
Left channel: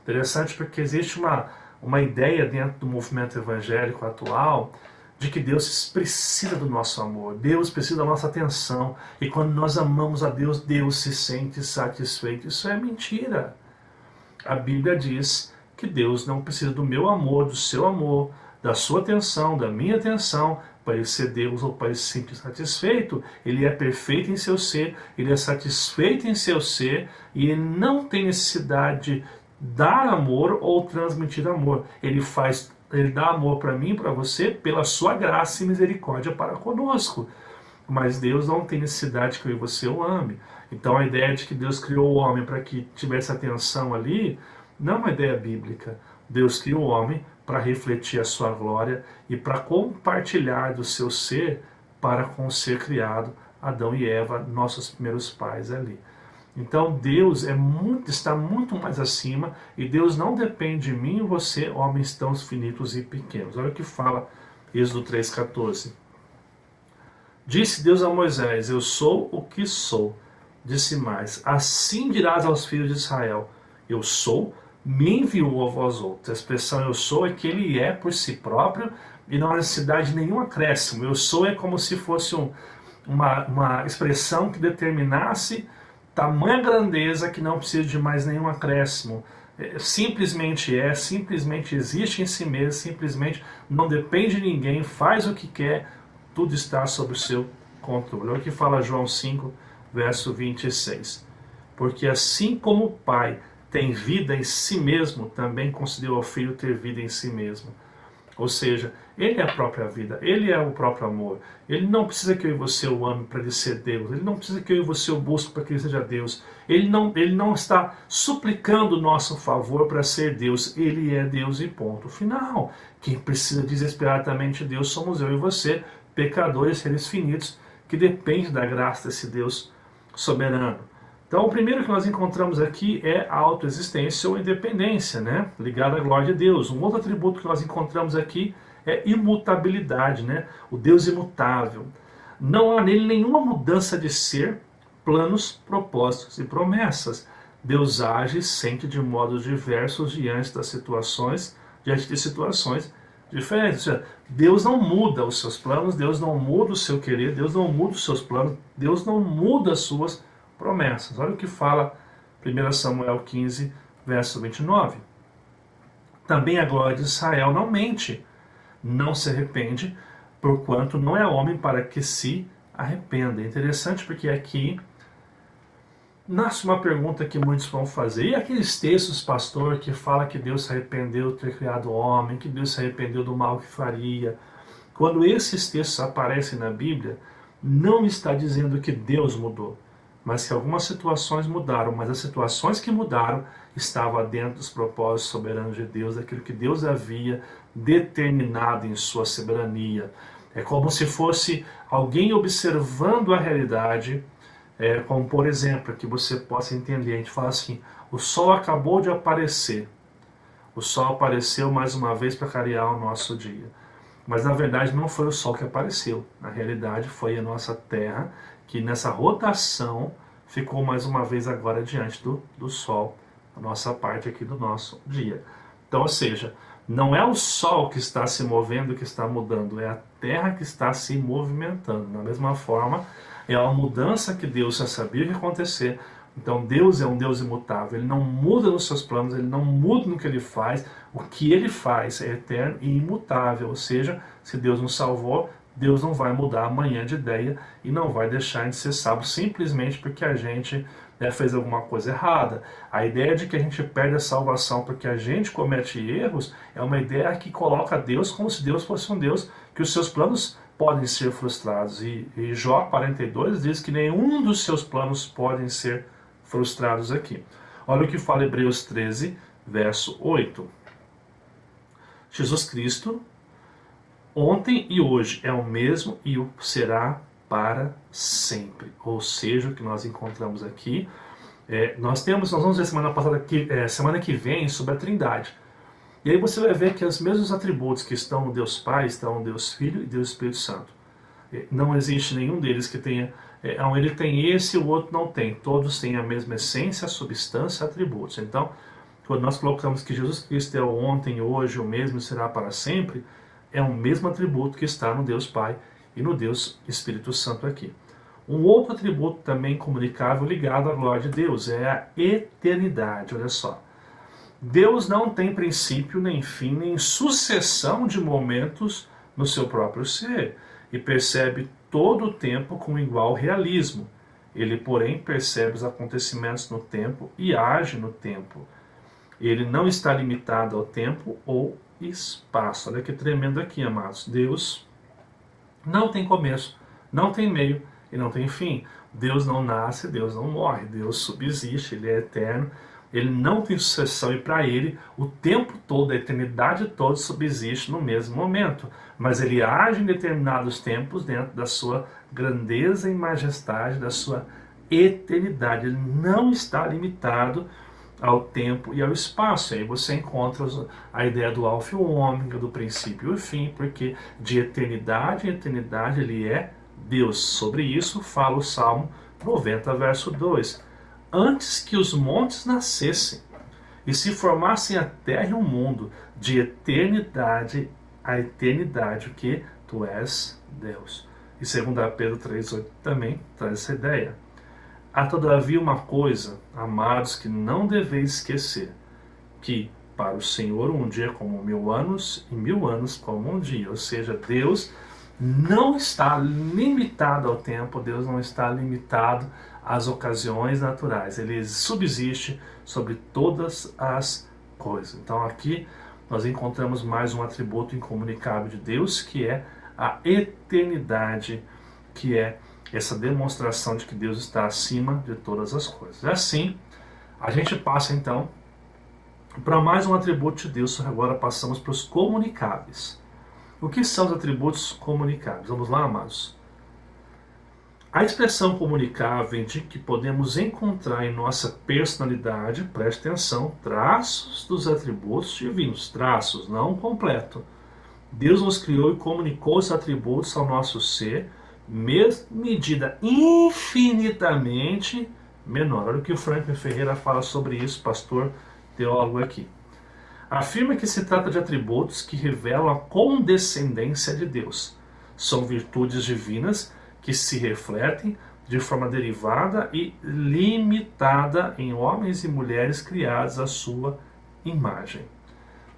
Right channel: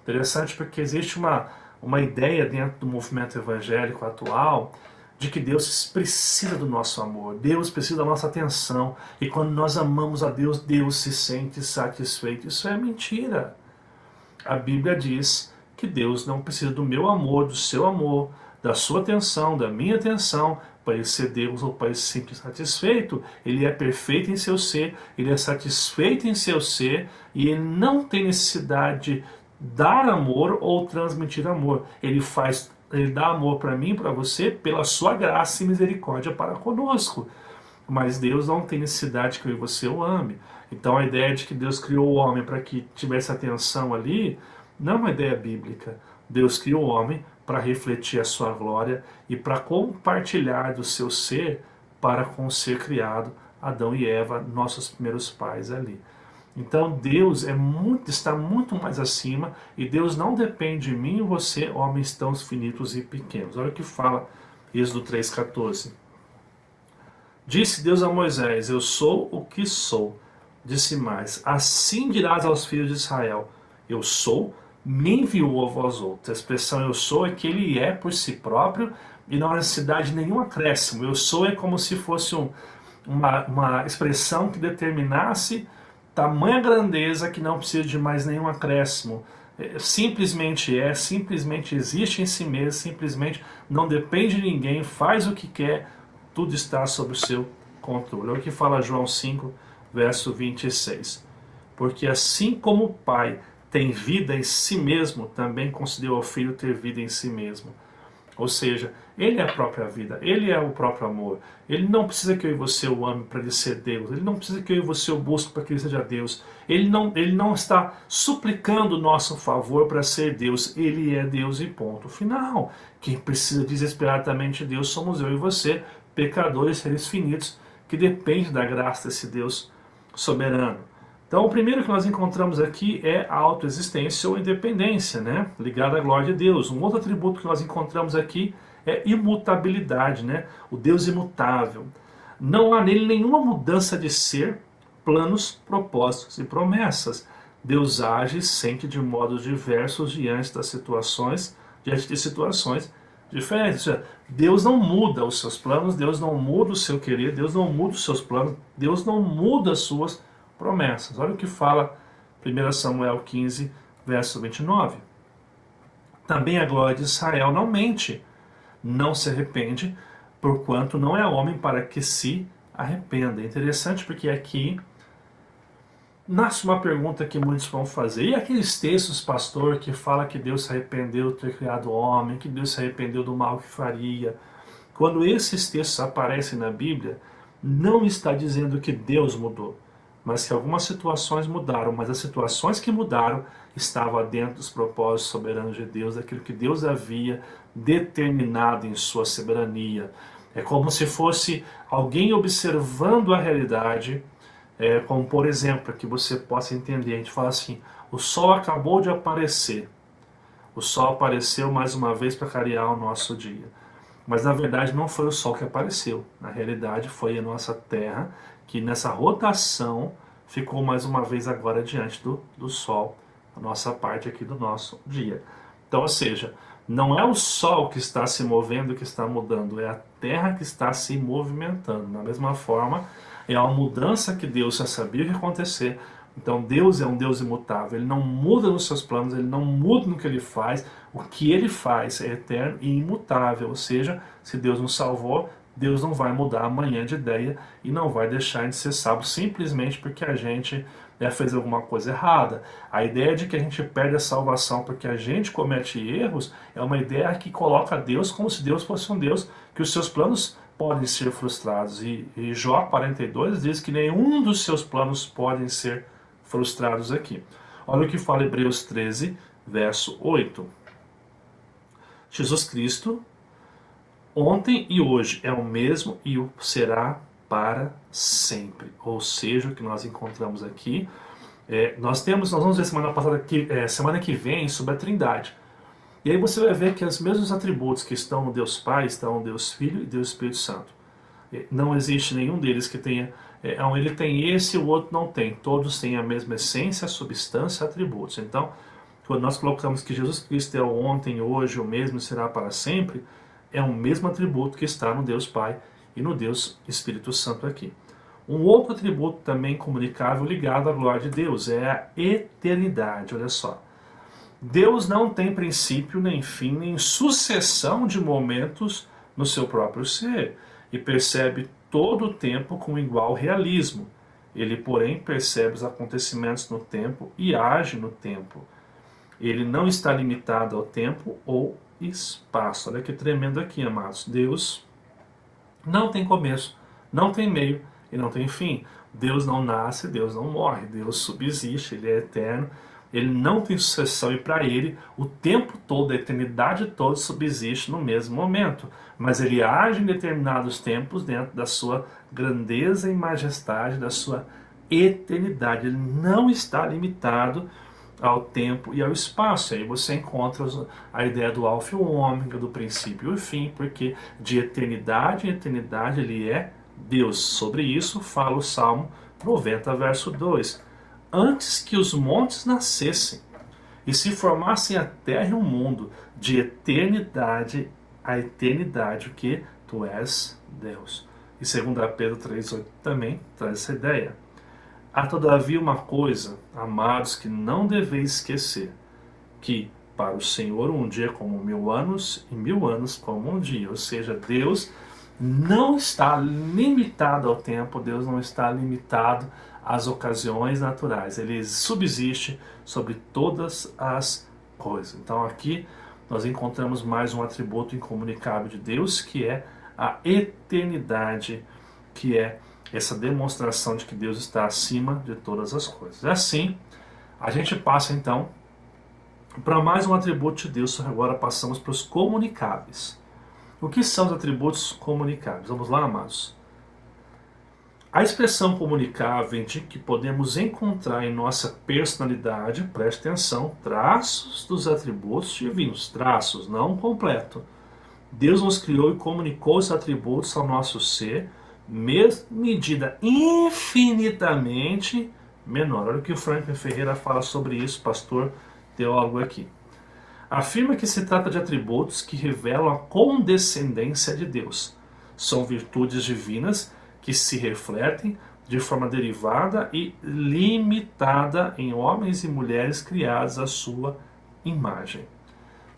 Interessante porque existe uma ideia dentro do movimento evangélico atual de que Deus precisa do nosso amor, Deus precisa da nossa atenção, e quando nós amamos a Deus, Deus se sente satisfeito. Isso é mentira. A Bíblia diz que Deus não precisa do meu amor, do seu amor, da sua atenção, da minha atenção, para ele ser Deus ou para ele se sentir satisfeito. Ele é perfeito em seu ser, ele é satisfeito em seu ser, e ele não tem necessidade de dar amor ou transmitir amor. Ele dá amor para mim, para você, pela sua graça e misericórdia para conosco. Mas Deus não tem necessidade que eu e você o ame. Então a ideia de que Deus criou o homem para que tivesse atenção ali, não é uma ideia bíblica. Deus criou o homem para refletir a sua glória e para compartilhar do seu ser para com o ser criado, Adão e Eva, nossos primeiros pais ali. Então Deus está muito mais acima, e Deus não depende de mim e você, homens tão finitos e pequenos. Olha o que fala Êxodo 3,14. Disse Deus a Moisés: eu sou o que sou. Disse mais: assim dirás aos filhos de Israel: eu sou, me enviou a vós outros. A expressão eu sou é que ele é por si próprio e não há necessidade de nenhum acréscimo. Eu sou é como se fosse uma expressão que determinasse tamanha grandeza que não precisa de mais nenhum acréscimo. Simplesmente existe em si mesmo, simplesmente não depende de ninguém, faz o que quer, tudo está sob o seu controle. Olha o que fala João 5, verso 26. Porque assim como o Pai tem vida em si mesmo, também concedeu ao Filho ter vida em si mesmo. Ou seja, ele é a própria vida, ele é o próprio amor. Ele não precisa que eu e você o ame para ele ser Deus. Ele não precisa que eu e você o busque para que ele seja Deus. Ele não está suplicando o nosso favor para ser Deus. Ele é Deus e ponto final. Quem precisa desesperadamente de Deus somos eu e você, pecadores, seres finitos, que dependem da graça desse Deus soberano. Então, o primeiro que nós encontramos aqui é a autoexistência ou independência, né? Ligada à glória de Deus. Um outro atributo que nós encontramos aqui é imutabilidade, né? O Deus imutável. Não há nele nenhuma mudança de ser, planos, propósitos e promessas. Deus age e sente de modos diversos diante de situações diferentes. Ou seja, Deus não muda os seus planos, Deus não muda o seu querer, Deus não muda os seus planos, Deus não muda as suas promessas. Olha o que fala 1 Samuel 15, verso 29. Também a glória de Israel não mente, não se arrepende, porquanto não é homem para que se arrependa. É interessante porque aqui nasce uma pergunta que muitos vão fazer. E aqueles textos, pastor, que fala que Deus se arrependeu de ter criado o homem, que Deus se arrependeu do mal que faria? Quando esses textos aparecem na Bíblia, não está dizendo que Deus mudou, mas que algumas situações mudaram, mas as situações que mudaram estavam dentro dos propósitos soberanos de Deus, daquilo que Deus havia determinado em sua soberania. É como se fosse alguém observando a realidade, como por exemplo, que você possa entender, a gente fala assim: o sol acabou de aparecer, o sol apareceu mais uma vez para clarear o nosso dia. Mas na verdade não foi o sol que apareceu, na realidade foi a nossa terra, que nessa rotação ficou mais uma vez agora diante do Sol, a nossa parte aqui do nosso dia. Então, ou seja, não é o Sol que está se movendo, que está mudando, é a Terra que está se movimentando. Da mesma forma, é uma mudança que Deus já sabia que ia acontecer. Então Deus é um Deus imutável, Ele não muda nos seus planos, Ele não muda no que Ele faz, O que ele faz é eterno e imutável, ou seja, se Deus nos salvou, Deus não vai mudar amanhã de ideia e não vai deixar de ser salvo simplesmente porque a gente fez alguma coisa errada. A ideia de que a gente perde a salvação porque a gente comete erros é uma ideia que coloca Deus como se Deus fosse um Deus que os seus planos podem ser frustrados. E Jó 42 diz que nenhum dos seus planos podem ser frustrados aqui. Olha o que fala Hebreus 13, verso 8. Jesus Cristo, ontem e hoje, é o mesmo e o será para sempre. Ou seja, o que nós encontramos aqui, nós vamos ver semana que vem sobre a Trindade. E aí você vai ver que os mesmos atributos que estão no Deus Pai, estão no Deus Filho e Deus Espírito Santo. Não existe nenhum deles que tenha, ele tem esse e o outro não tem. Todos têm a mesma essência, substância, atributos. Então, quando nós colocamos que Jesus Cristo é o ontem, hoje, o mesmo e será para sempre, é o mesmo atributo que está no Deus Pai e no Deus Espírito Santo aqui. Um outro atributo também comunicável ligado à glória de Deus é a eternidade. Olha só. Deus não tem princípio, nem fim, nem sucessão de momentos no seu próprio ser e percebe todo o tempo com igual realismo. Ele, porém, percebe os acontecimentos no tempo e age no tempo. Ele não está limitado ao tempo ou espaço. Olha que tremendo aqui, amados. Deus não tem começo, não tem meio e não tem fim. Deus não nasce, Deus não morre. Deus subsiste, Ele é eterno. Ele não tem sucessão e para Ele o tempo todo, a eternidade toda subsiste no mesmo momento. Mas Ele age em determinados tempos dentro da sua grandeza e majestade, da sua eternidade. Ele não está limitado ao tempo e ao espaço. Aí você encontra a ideia do alfa e o ômega, do princípio e o fim, porque de eternidade em eternidade Ele é Deus. Sobre isso fala o Salmo 90, verso 2. Antes que os montes nascessem e se formassem a terra e o mundo, de eternidade a eternidade, o que? Tu és Deus. E 2 Pedro 3,8 também traz essa ideia. Há todavia uma coisa, amados, que não deveis esquecer, que para o Senhor um dia é como 1000 anos e 1000 anos como um dia. Ou seja, Deus não está limitado ao tempo, Deus não está limitado às ocasiões naturais. Ele subsiste sobre todas as coisas. Então aqui nós encontramos mais um atributo incomunicável de Deus, que é a eternidade, que é essa demonstração de que Deus está acima de todas as coisas. Assim, a gente passa então para mais um atributo de Deus. Agora passamos para os comunicáveis. O que são os atributos comunicáveis? Vamos lá, amados. A expressão comunicável indica que podemos encontrar em nossa personalidade, preste atenção, traços dos atributos divinos, traços, não completo. Deus nos criou e comunicou os atributos ao nosso ser, medida infinitamente menor. Olha o que o Franklin Ferreira fala sobre isso, pastor teólogo aqui. Afirma que se trata de atributos que revelam a condescendência de Deus. São virtudes divinas que se refletem de forma derivada e limitada em homens e mulheres criados à sua imagem.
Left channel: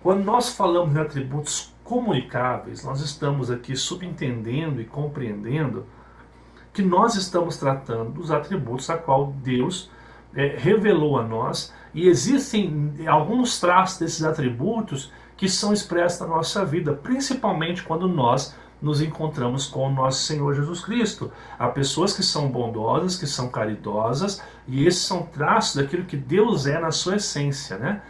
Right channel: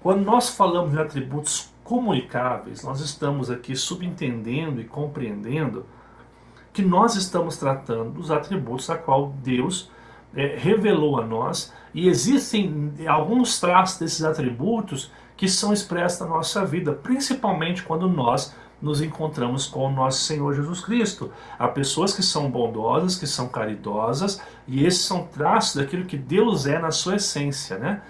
Quando nós falamos de atributos comunicáveis, nós estamos aqui subentendendo e compreendendo que nós estamos tratando dos atributos a qual Deus revelou a nós, e existem alguns traços desses atributos que são expressos na nossa vida, principalmente quando nós nos encontramos com o nosso Senhor Jesus Cristo. Há pessoas que são bondosas, que são caridosas, e esses são traços daquilo que Deus é na sua essência, né?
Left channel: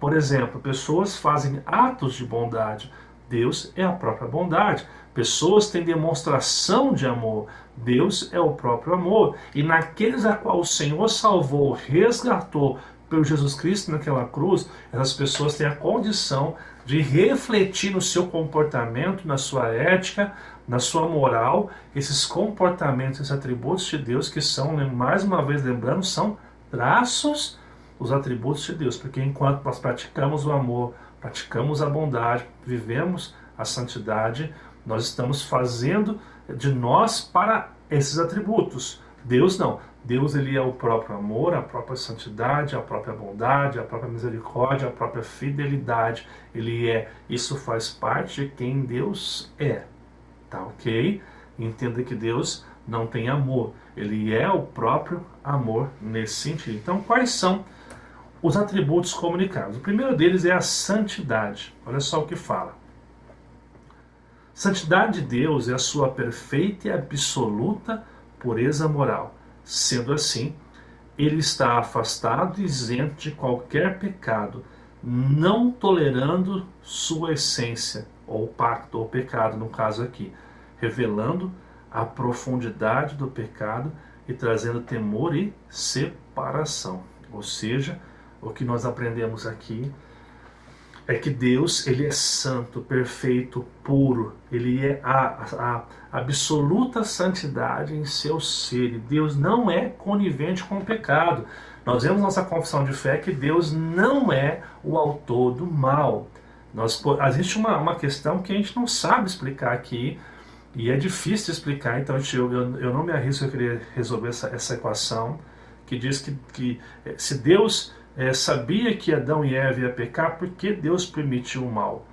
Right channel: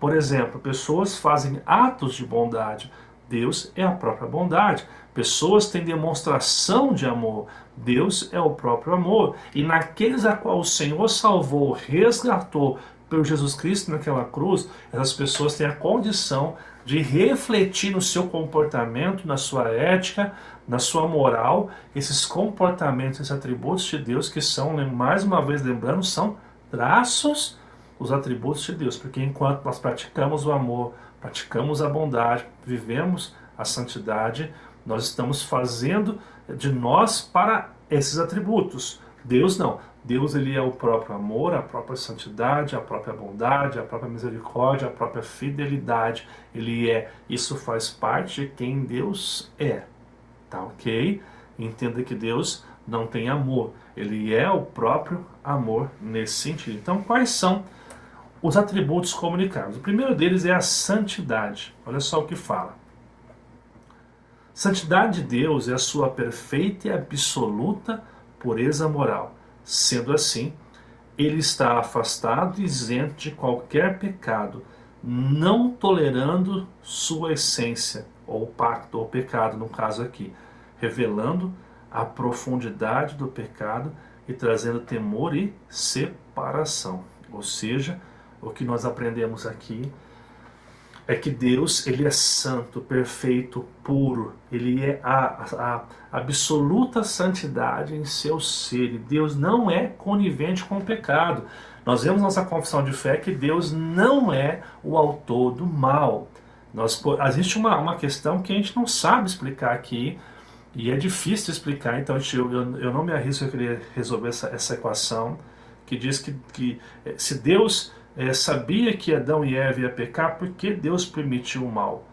Por exemplo, pessoas fazem atos de bondade. Deus é a própria bondade. Pessoas têm demonstração de amor. Deus é o próprio amor. E naqueles a qual o Senhor salvou, resgatou pelo Jesus Cristo naquela cruz, essas pessoas têm a condição de refletir no seu comportamento, na sua ética, na sua moral, esses comportamentos, esses atributos de Deus que são, mais uma vez lembrando, são traços, os atributos de Deus. Porque enquanto nós praticamos o amor, praticamos a bondade, vivemos a santidade, nós estamos fazendo de nós para esses atributos. Deus não. Deus, ele é o próprio amor, a própria santidade, a própria bondade, a própria misericórdia, a própria fidelidade. Isso faz parte de quem Deus é, tá ok? Entenda que Deus não tem amor, ele é o próprio amor nesse sentido. Então, quais são os atributos comunicados? O primeiro deles é a santidade. Olha só o que fala. Santidade de Deus é a sua perfeita e absoluta pureza moral. Sendo assim, ele está afastado e isento de qualquer pecado, não tolerando sua essência, ou pacto, ou pecado no caso aqui, revelando a profundidade do pecado e trazendo temor e separação. Ou seja, o que nós aprendemos aqui é que Deus, ele é santo, perfeito, puro. Ele é a absoluta santidade em seu ser. E Deus não é conivente com o pecado. Nós vemos nossa confissão de fé que Deus não é o autor do mal. Existe uma questão que a gente não sabe explicar aqui, e é difícil de explicar, então eu não me arrisco a querer resolver essa equação, que diz que se Deus sabia que Adão e Eva iam pecar, por que Deus permitiu o mal?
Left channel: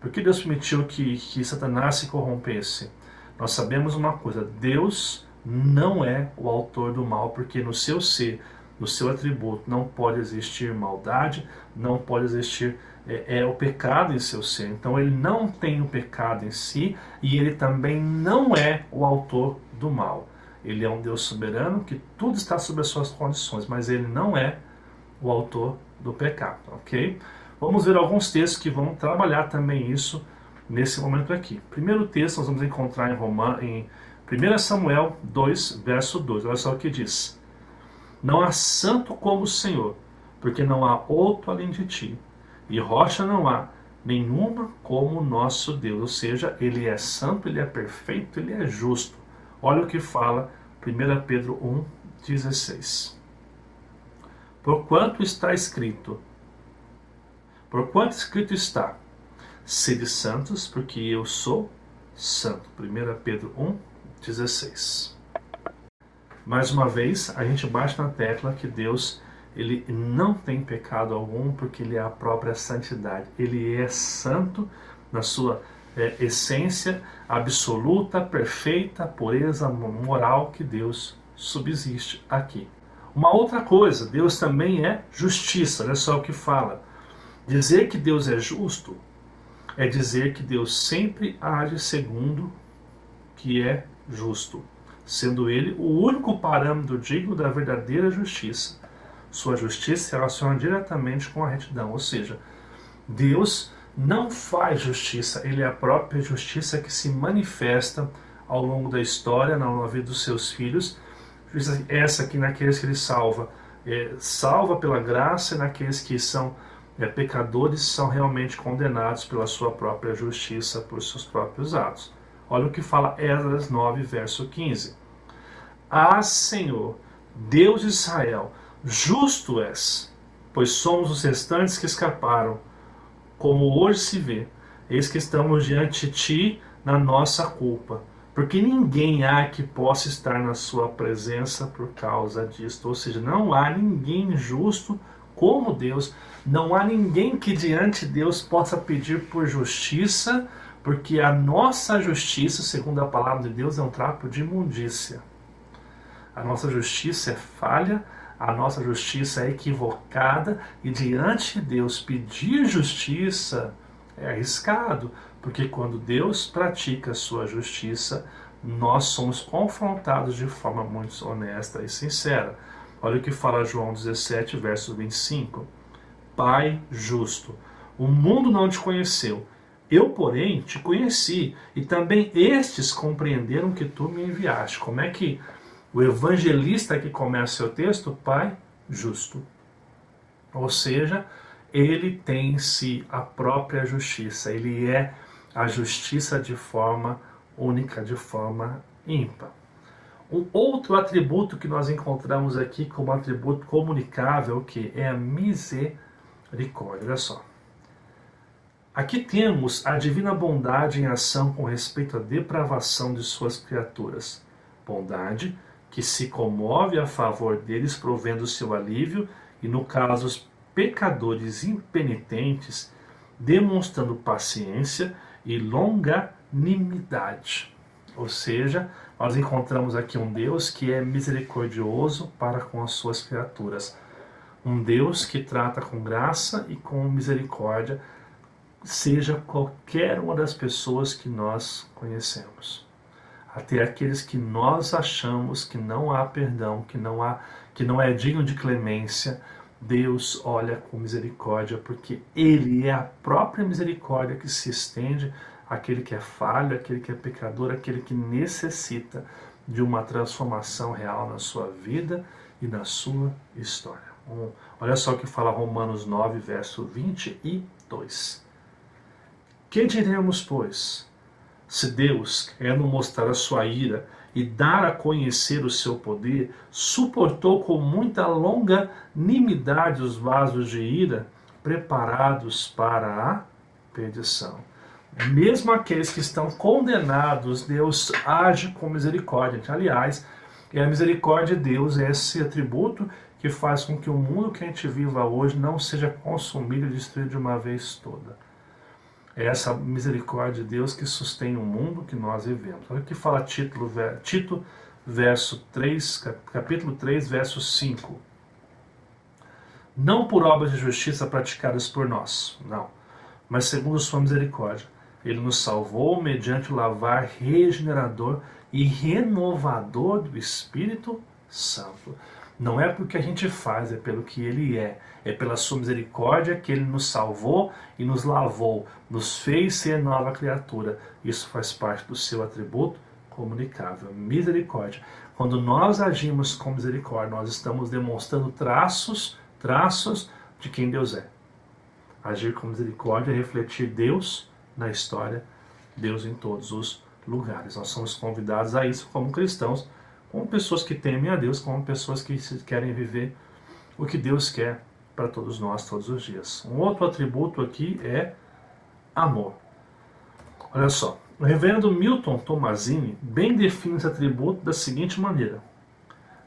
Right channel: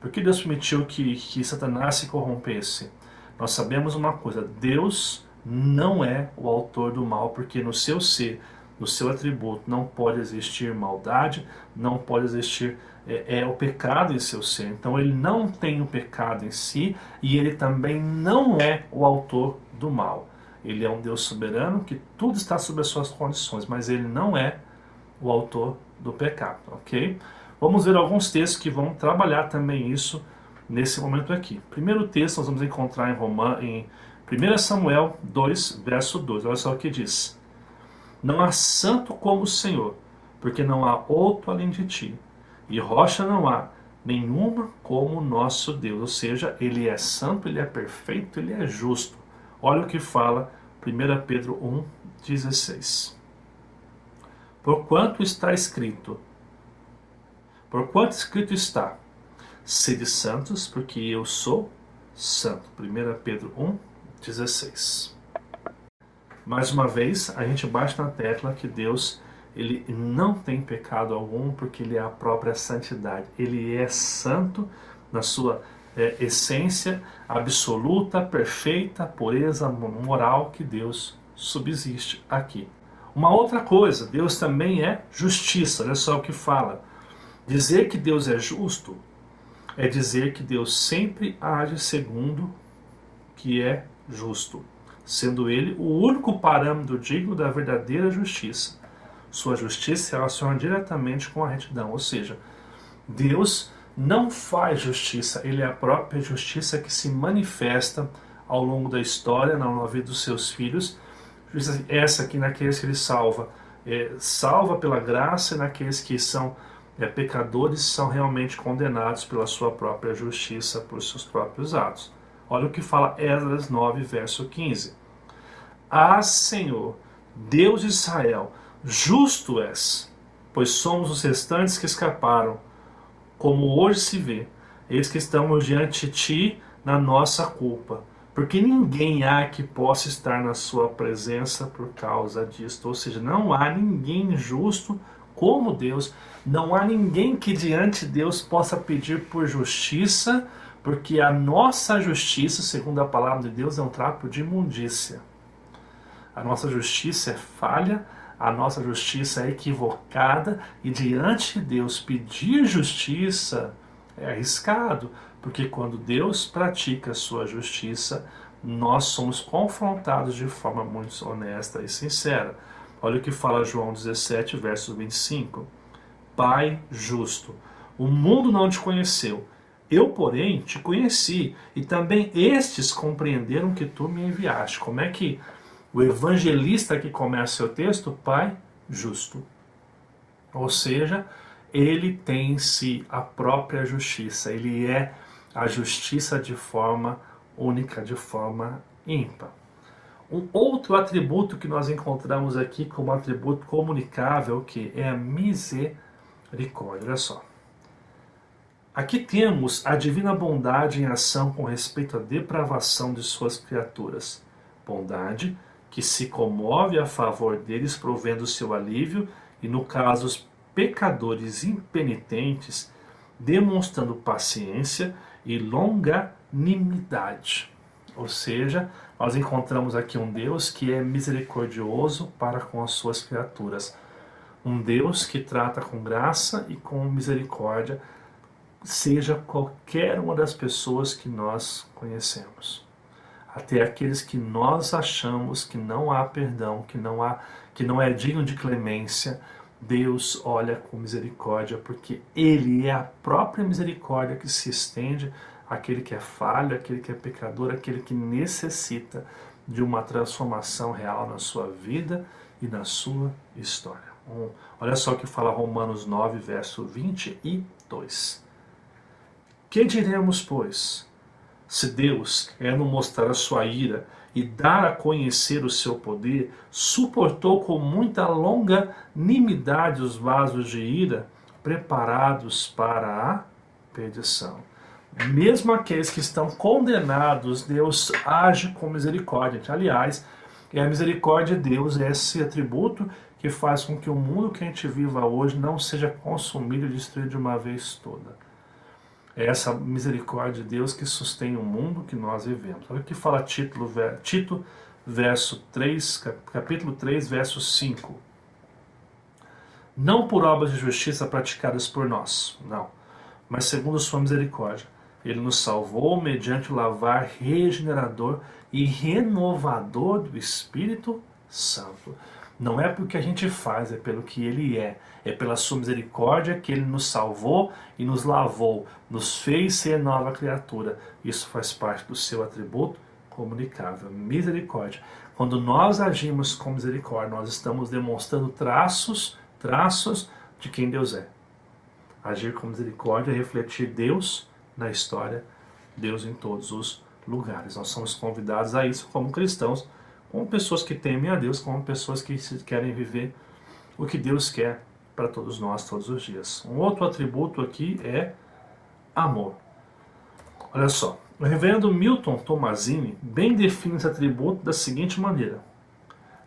Por que Deus permitiu que Satanás se corrompesse? Nós sabemos uma coisa, Deus não é o autor do mal, porque no seu ser, no seu atributo, não pode existir maldade, não pode existir o pecado em seu ser. Então ele não tem o pecado em si e ele também não é o autor do mal. Ele é um Deus soberano que tudo está sob as suas condições, mas ele não é o autor do pecado, ok? Vamos ver alguns textos que vão trabalhar também isso nesse momento aqui. Primeiro texto nós vamos encontrar em 1 Samuel 2, verso 2. Olha só o que diz. Não há santo como o Senhor, porque não há outro além de ti. E rocha não há nenhuma como o nosso Deus. Ou seja, ele é santo, ele é perfeito, ele é justo. Olha o que fala 1 Pedro 1, 16. Porquanto escrito está, sede santos, porque eu sou santo. 1 Pedro 1, 16. Mais uma vez, a gente bate na tecla que Deus, ele não tem pecado algum, porque ele é a própria santidade. Ele é santo na sua essência absoluta, perfeita, pureza moral que Deus subsiste aqui. Uma outra coisa, Deus também é justiça. Olha só o que fala. Dizer que Deus é justo é dizer que Deus sempre age segundo que é justo, sendo ele o único parâmetro digno da verdadeira justiça. Sua justiça se relaciona diretamente com a retidão, ou seja, Deus não faz justiça, ele é a própria justiça que se manifesta ao longo da história, na vida dos seus filhos. Justiça essa aqui naqueles que ele salva, salva pela graça, e naqueles que são pecadores são realmente condenados pela sua própria justiça, por seus próprios atos. Olha o que fala Esdras 9, verso 15. Ah, Senhor, Deus de Israel, justo és, pois somos os restantes que escaparam, como hoje se vê, eis que estamos diante de ti na nossa culpa, porque ninguém há que possa estar na sua presença por causa disto. Ou seja, não há ninguém justo como Deus, não há ninguém que diante de Deus possa pedir por justiça, porque a nossa justiça, segundo a palavra de Deus, é um trapo de imundícia. A nossa justiça é falha, a nossa justiça é equivocada, e diante de Deus pedir justiça é arriscado, porque quando Deus pratica a sua justiça, nós somos confrontados de forma muito honesta e sincera. Olha o que fala João 17, verso 25. Pai justo, o mundo não te conheceu, eu, porém, te conheci, e também estes compreenderam que tu me enviaste. Como é que o evangelista que começa seu texto? Pai justo. Ou seja, ele tem em si a própria justiça. Ele é a justiça de forma única, de forma ímpar. Um outro atributo que nós encontramos aqui como atributo comunicável, que é a misericórdia. Olha só. Aqui temos a divina bondade em ação com respeito à depravação de suas criaturas. Bondade que se comove a favor deles, provendo o seu alívio, e no caso os pecadores impenitentes, demonstrando paciência e longanimidade. Ou seja, nós encontramos aqui um Deus que é misericordioso para com as suas criaturas. Um Deus que trata com graça e com misericórdia, seja qualquer uma das pessoas que nós conhecemos. Até aqueles que nós achamos que não há perdão, que não é digno de clemência, Deus olha com misericórdia, porque Ele é a própria misericórdia que se estende àquele que é falho, àquele que é pecador, àquele que necessita de uma transformação real na sua vida e na sua história. Olha só o que fala Romanos 9, verso 22. Que diremos, pois? Se Deus, querendo mostrar a sua ira e dar a conhecer o seu poder, suportou com muita longanimidade os vasos de ira preparados para a perdição. Mesmo aqueles que estão condenados, Deus age com misericórdia. Aliás, a misericórdia de Deus é esse atributo que faz com que o mundo que a gente viva hoje não seja consumido e destruído de uma vez toda. É essa misericórdia de Deus que sustém o mundo que nós vivemos. Olha o que fala Tito, verso 3, capítulo 3, verso 5. Não por obras de justiça praticadas por nós, não, mas segundo sua misericórdia. Ele nos salvou mediante o lavar regenerador e renovador do Espírito Santo. Não é porque a gente faz, é pelo que Ele é. É pela sua misericórdia que Ele nos salvou e nos lavou, nos fez ser nova criatura. Isso faz parte do seu atributo comunicável, misericórdia. Quando nós agimos com misericórdia, nós estamos demonstrando traços de quem Deus é. Agir com misericórdia é refletir Deus na história, Deus em todos os lugares. Nós somos convidados a isso como cristãos, como pessoas que temem a Deus, como pessoas que querem viver o que Deus quer para todos nós, todos os dias. Um outro atributo aqui é amor. Olha só, o reverendo Milton Tomazini bem define esse atributo da seguinte maneira:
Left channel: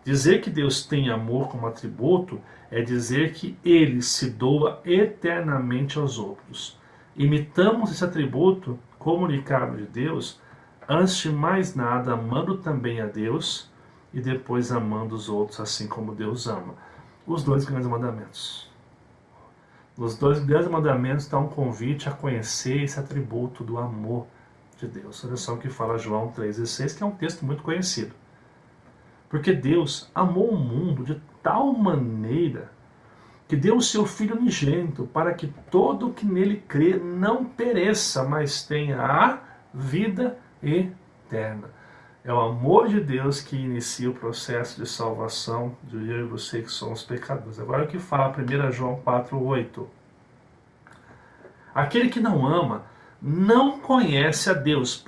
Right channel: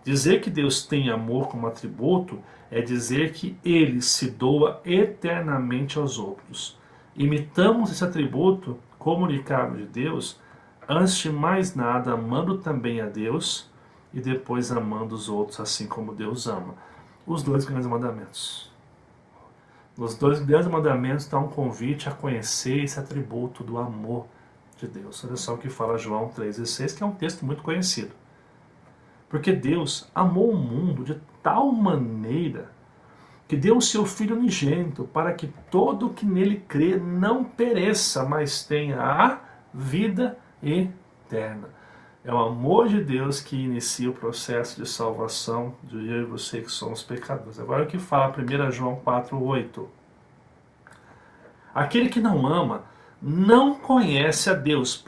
dizer que Deus tem amor como atributo é dizer que Ele se doa eternamente aos outros. Imitamos esse atributo comunicável de Deus, antes de mais nada, amando também a Deus e depois amando os outros, assim como Deus ama. Os dois grandes mandamentos. Nos dois grandes mandamentos está um convite a conhecer esse atributo do amor de Deus. Olha só o que fala João 3,16, que é um texto muito conhecido. Porque Deus amou o mundo de tal maneira que deu o seu Filho unigênito para que todo o que nele crê não pereça, mas tenha a vida eterna. É o amor de Deus que inicia o processo de salvação de eu e você que somos pecadores. Agora o que fala 1 João 4,8. Aquele que não ama não conhece a Deus,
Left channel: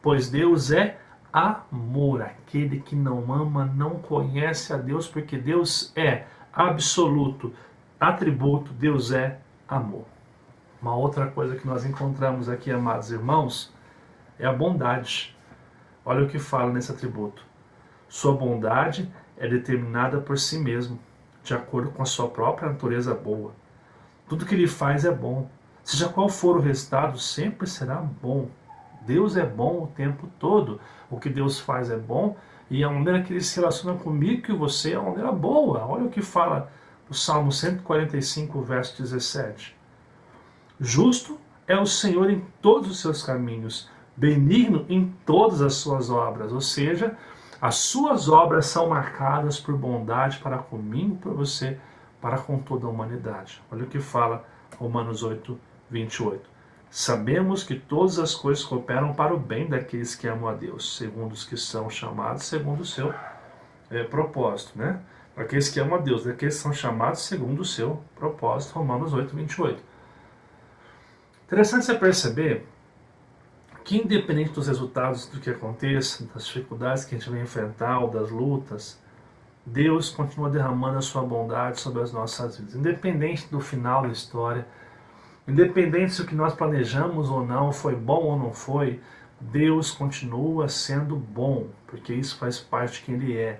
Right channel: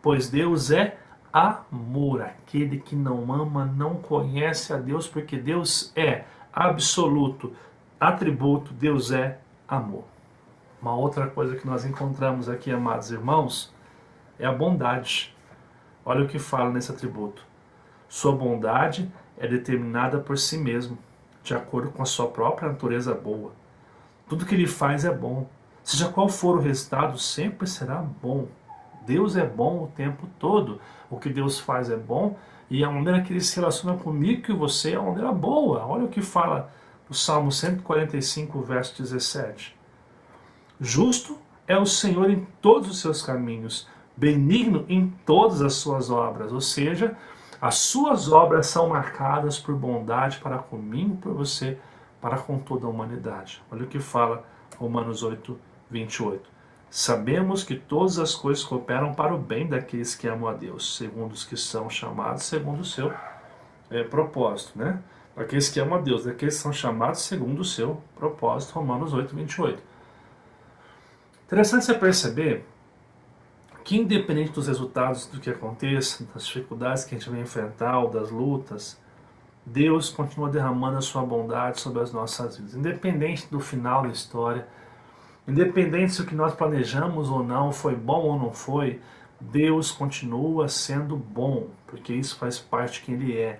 pois Deus é amor. Aquele que não ama não conhece a Deus, porque Deus é absoluto atributo, Deus é amor. Uma outra coisa que nós encontramos aqui, amados irmãos, é a bondade. Olha o que fala nesse atributo. Sua bondade é determinada por si mesmo, de acordo com a sua própria natureza boa. Tudo que ele faz é bom. Seja qual for o resultado, sempre será bom. Deus é bom o tempo todo. O que Deus faz é bom e a maneira que Ele se relaciona comigo e você é uma maneira boa. Olha o que fala o Salmo 145, verso 17. Justo é o Senhor em todos os seus caminhos, benigno em todas as suas obras. Ou seja, as suas obras são marcadas por bondade para comigo, por você, para com toda a humanidade. Olha o que fala Romanos 8, 28. Sabemos que todas as coisas cooperam para o bem daqueles que amam a Deus, segundo os que são chamados, segundo o seu propósito, né? Para aqueles que amam a Deus, daqueles que são chamados segundo o seu propósito, Romanos 8, 28. Interessante você perceber que, independente dos resultados do que aconteça, das dificuldades que a gente vai enfrentar, ou das lutas, Deus continua derramando a sua bondade sobre as nossas vidas. Independente do final da história, independente se o que nós planejamos ou não foi bom ou não foi, Deus continua sendo bom, porque isso faz parte de quem Ele é.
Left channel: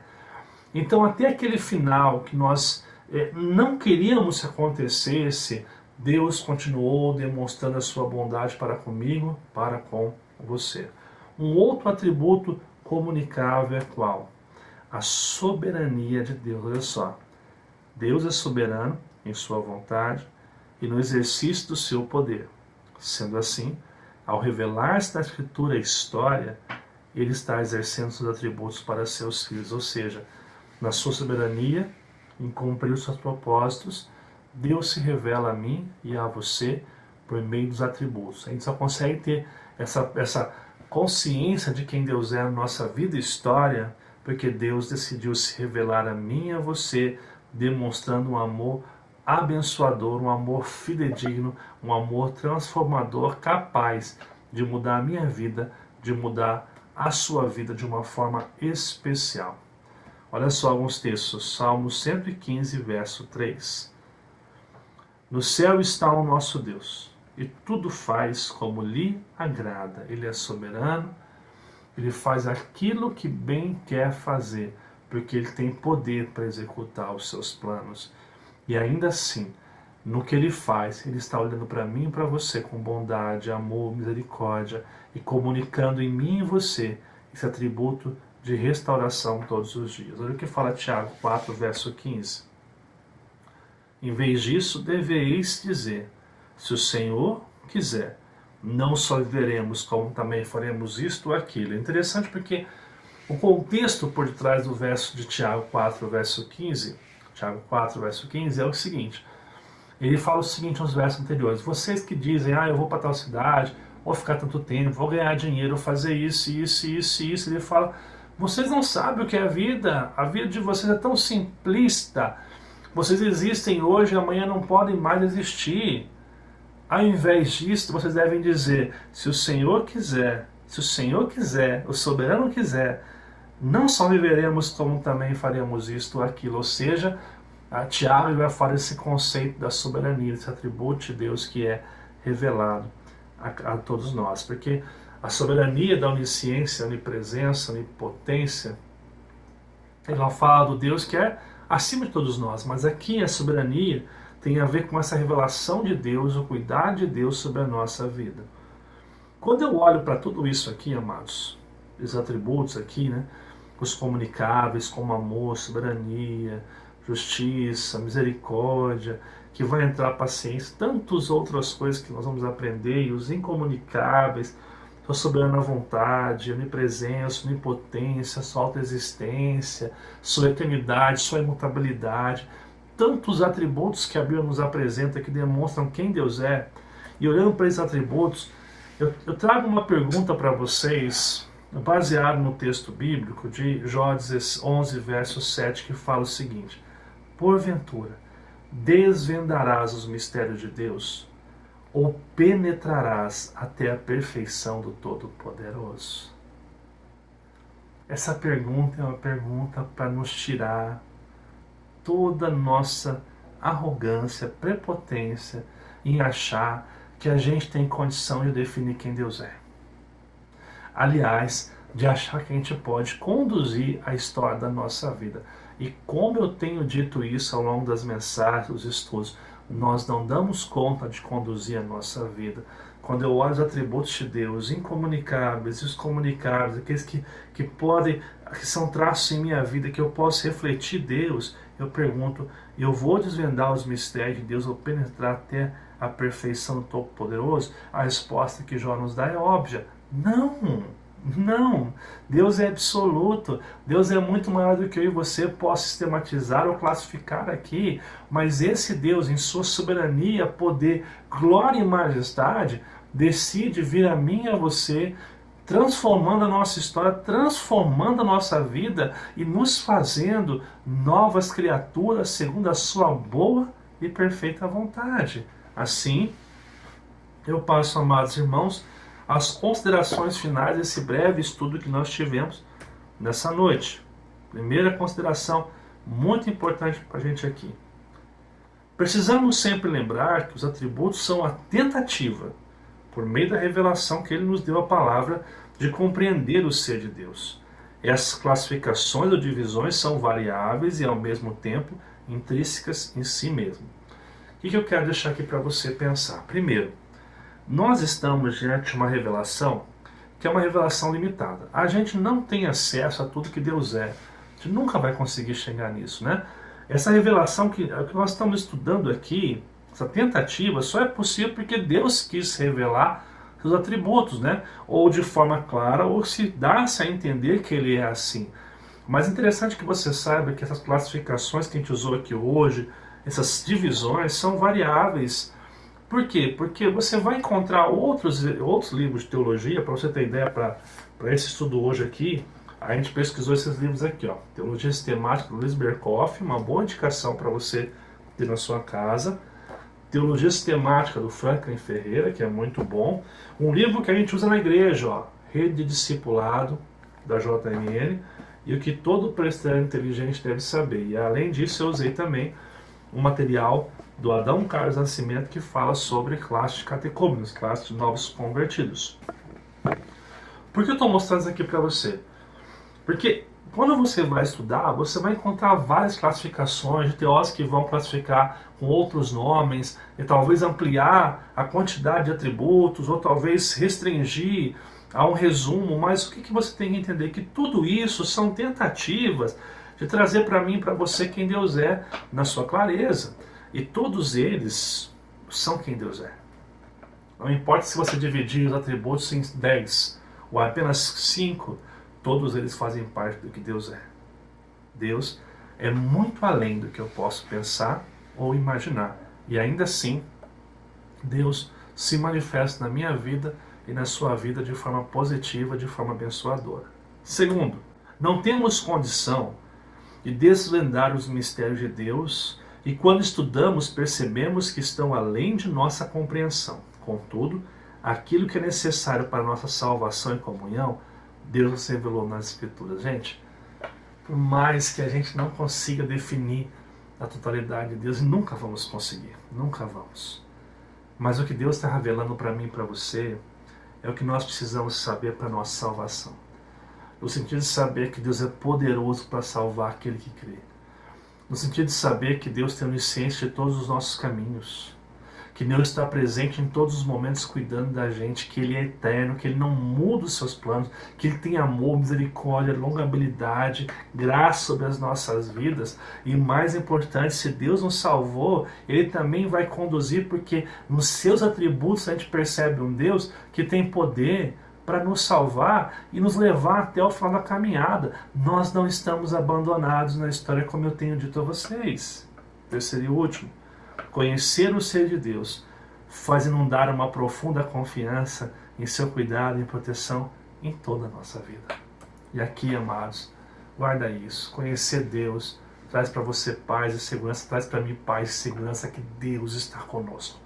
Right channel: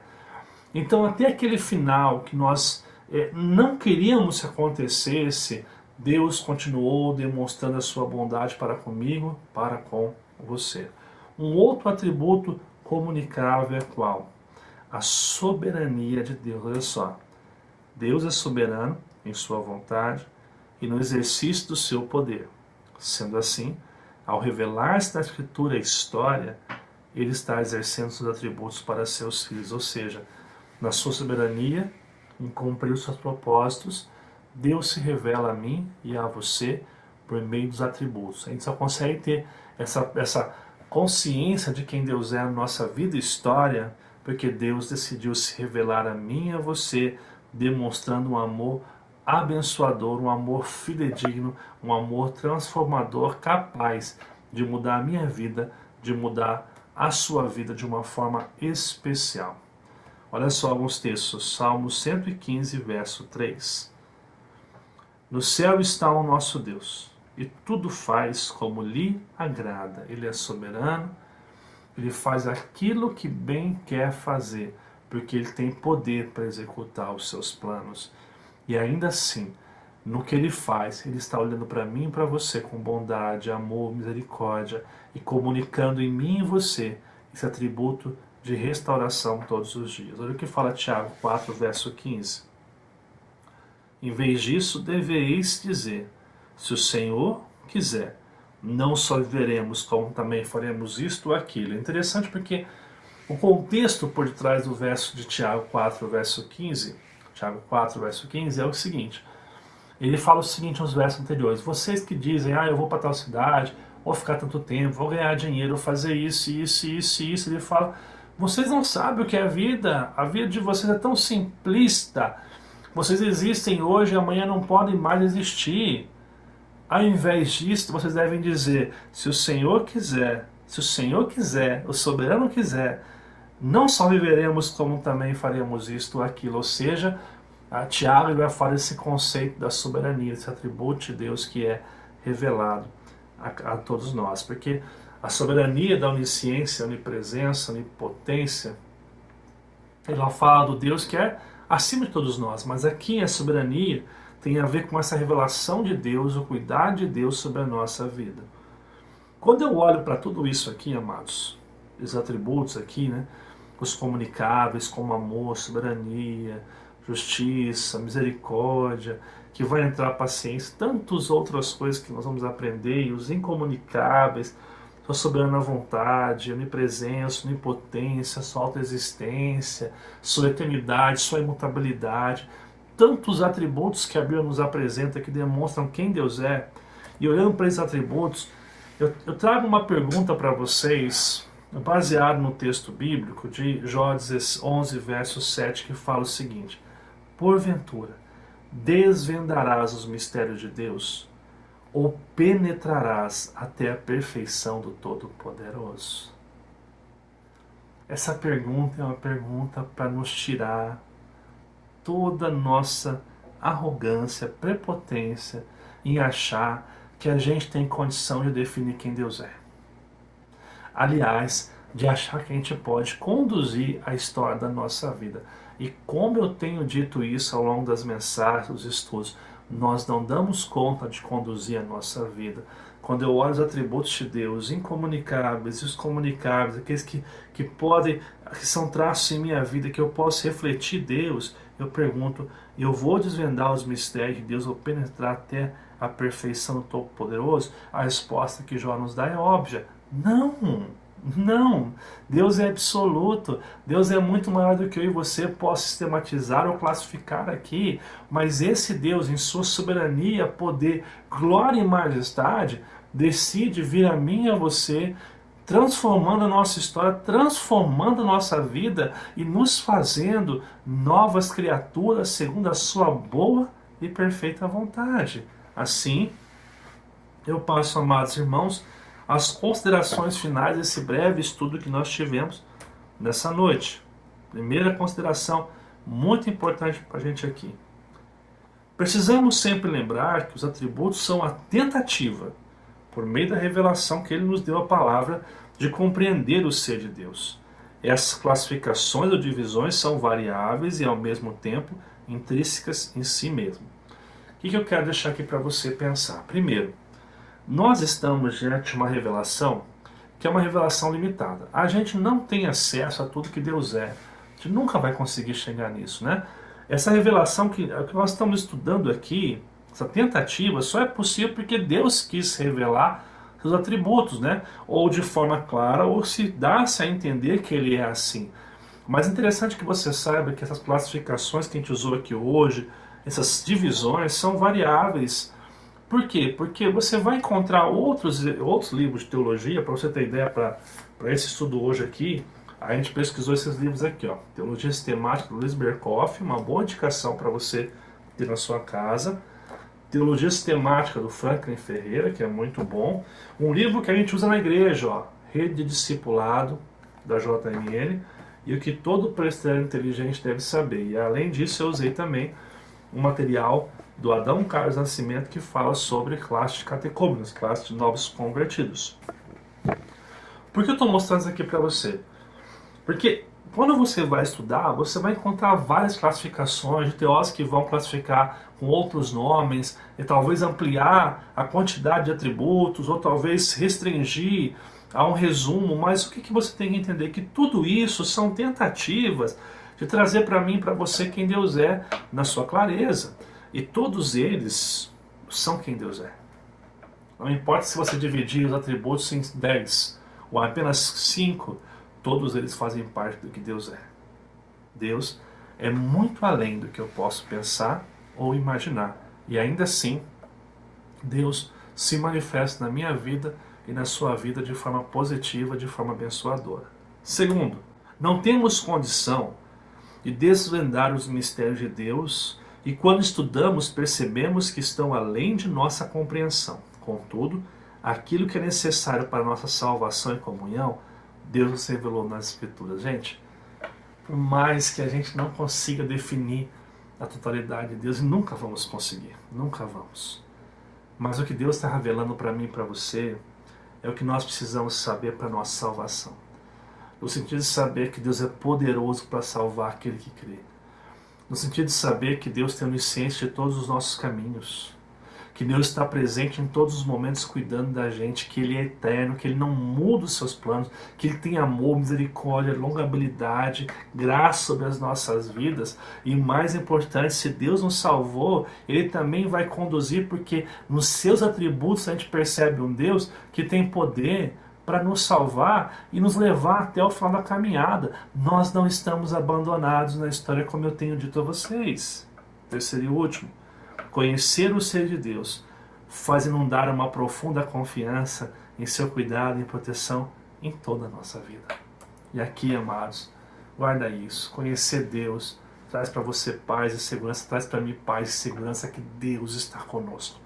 Então, até aquele final que nós não queríamos que acontecesse, Deus continuou demonstrando a sua bondade para comigo, para com você. Um outro atributo comunicável é qual? A soberania de Deus. Olha só, Deus é soberano em sua vontade e no exercício do seu poder. Sendo assim, ao revelar-se na Escritura a história, Ele está exercendo seus atributos para seus filhos, ou seja, na sua soberania, em cumprir os seus propósitos, Deus se revela a mim e a você por meio dos atributos. A gente só consegue ter essa consciência de quem Deus é na nossa vida e história, porque Deus decidiu se revelar a mim e a você, demonstrando um amor abençoador, um amor fidedigno, um amor transformador, capaz de mudar a minha vida, de mudar a sua vida de uma forma especial. Olha só alguns textos. Salmo 115, verso 3. No céu está o nosso Deus, e tudo faz como lhe agrada. Ele é soberano, ele faz aquilo que bem quer fazer, porque ele tem poder para executar os seus planos. E ainda assim, no que ele faz, ele está olhando para mim e para você com bondade, amor, misericórdia, e comunicando em mim e você esse atributo de restauração todos os dias. Olha o que fala Tiago 4, verso 15. Em vez disso, deveis dizer, se o Senhor quiser, não só viveremos, como também faremos isto ou aquilo. É interessante porque o contexto por detrás do verso de Tiago 4, verso 15, Tiago 4, verso 15, é o seguinte. Ele fala o seguinte nos versos anteriores. Vocês que dizem, eu vou para tal cidade, vou ficar tanto tempo, vou ganhar dinheiro, vou fazer isso. Ele fala, vocês não sabem o que é a vida de vocês é tão simplista. Vocês existem hoje e amanhã não podem mais existir. Ao invés disso, vocês devem dizer, se o Senhor quiser, o soberano quiser, não só viveremos, como também faremos isto ou aquilo. Ou seja, Tiago vai falar esse conceito da soberania, esse atributo de Deus que é revelado a todos nós. Porque a soberania da onisciência, onipresença, onipotência, ela fala do Deus que é acima de todos nós. Mas aqui a soberania tem a ver com essa revelação de Deus, o cuidado de Deus sobre a nossa vida. Quando eu olho para tudo isso aqui, amados, os atributos aqui, né, os comunicáveis como amor, soberania, justiça, misericórdia, que vai entrar paciência, tantas outras coisas que nós vamos aprender, e os incomunicáveis, sua soberana vontade, onipresença, onipotência, sua autoexistência, sua eternidade, sua imutabilidade, tantos atributos que a Bíblia nos apresenta que demonstram quem Deus é. E olhando para esses atributos, eu trago uma pergunta para vocês, baseado no texto bíblico de Jó 11, verso 7, que fala o seguinte: porventura, desvendarás os mistérios de Deus, ou penetrarás até a perfeição do Todo-Poderoso? Essa pergunta é uma pergunta para nos tirar toda a nossa arrogância, prepotência em achar que a gente tem condição de definir quem Deus é. Aliás, de achar que a gente pode conduzir a história da nossa vida. E como eu tenho dito isso ao longo das mensagens, dos estudos, nós não damos conta de conduzir a nossa vida. Quando eu olho os atributos de Deus, incomunicáveis, os comunicáveis, aqueles que são traços em minha vida, que eu posso refletir Deus, eu pergunto, eu vou desvendar os mistérios de Deus, vou penetrar até a perfeição do Todo-Poderoso? A resposta que Jó nos dá é óbvia. Não, Deus é absoluto, Deus é muito maior do que eu e você possa sistematizar ou classificar aqui, mas esse Deus, em sua soberania, poder, glória e majestade, decide vir a mim e a você, transformando a nossa história, transformando a nossa vida e nos fazendo novas criaturas segundo a sua boa e perfeita vontade. Assim, eu passo, amados irmãos, as considerações finais desse breve estudo que nós tivemos nessa noite. Primeira consideração muito importante para a gente aqui. Precisamos sempre lembrar que os atributos são a tentativa por meio da revelação que Ele nos deu a palavra, de compreender o ser de Deus. Essas classificações ou divisões são variáveis e, ao mesmo tempo, intrínsecas em si mesmo. O que eu quero deixar aqui para você pensar? Primeiro, nós estamos diante de uma revelação que é uma revelação limitada. A gente não tem acesso a tudo que Deus é. A gente nunca vai conseguir chegar nisso, né? Essa revelação que nós estamos estudando aqui, essa tentativa, só é possível porque Deus quis revelar seus atributos, né? Ou de forma clara, ou se dá-se a entender que Ele é assim. Mas é interessante que você saiba que essas classificações que a gente usou aqui hoje, essas divisões, são variáveis. Por quê? Porque você vai encontrar outros livros de teologia, para você ter ideia, para esse estudo hoje aqui, a gente pesquisou esses livros aqui, ó, Teologia Sistemática do Luiz Berkoff, uma boa indicação para você ter na sua casa. Teologia Sistemática do Franklin Ferreira, que é muito bom. Um livro que a gente usa na igreja, ó, Rede de Discipulado, da JMN, e o que todo presbiteriano inteligente deve saber. E além disso, eu usei também um material do Adão Carlos Nascimento, que fala sobre classe de catecúmenos, classe de novos convertidos. Por que eu estou mostrando isso aqui para você? Porque quando você vai estudar, você vai encontrar várias classificações de teólogos que vão classificar com outros nomes, e talvez ampliar a quantidade de atributos, ou talvez restringir a um resumo, mas o que você tem que entender? Que tudo isso são tentativas de trazer para mim e para você quem Deus é na sua clareza. E todos eles são quem Deus é. Não importa se você dividir os atributos em 10 ou apenas 5, todos eles fazem parte do que Deus é. Deus é muito além do que eu posso pensar ou imaginar. E ainda assim, Deus se manifesta na minha vida e na sua vida de forma positiva, de forma abençoadora. Segundo, não temos condição de desvendar os mistérios de Deus, e quando estudamos, percebemos que estão além de nossa compreensão. Contudo, aquilo que é necessário para a nossa salvação e comunhão, Deus nos revelou nas Escrituras. Gente, por mais que a gente não consiga definir a totalidade de Deus, e nunca vamos conseguir, nunca vamos. Mas o que Deus está revelando para mim e para você é o que nós precisamos saber para a nossa salvação. No sentido de saber que Deus é poderoso para salvar aquele que crê. No sentido de saber que Deus tem onisciência de todos os nossos caminhos. Que Deus está presente em todos os momentos cuidando da gente. Que Ele é eterno, que Ele não muda os seus planos. Que Ele tem amor, misericórdia, longabilidade, graça sobre as nossas vidas. E mais importante, se Deus nos salvou, Ele também vai conduzir, porque nos seus atributos a gente percebe um Deus que tem poder para nos salvar e nos levar até o final da caminhada. Nós não estamos abandonados na história, como eu tenho dito a vocês. Terceiro e último, conhecer o ser de Deus faz inundar uma profunda confiança em seu cuidado e proteção em toda a nossa vida. E aqui, amados, guarda isso. Conhecer Deus traz para você paz e segurança, traz para mim paz e segurança que Deus está conosco.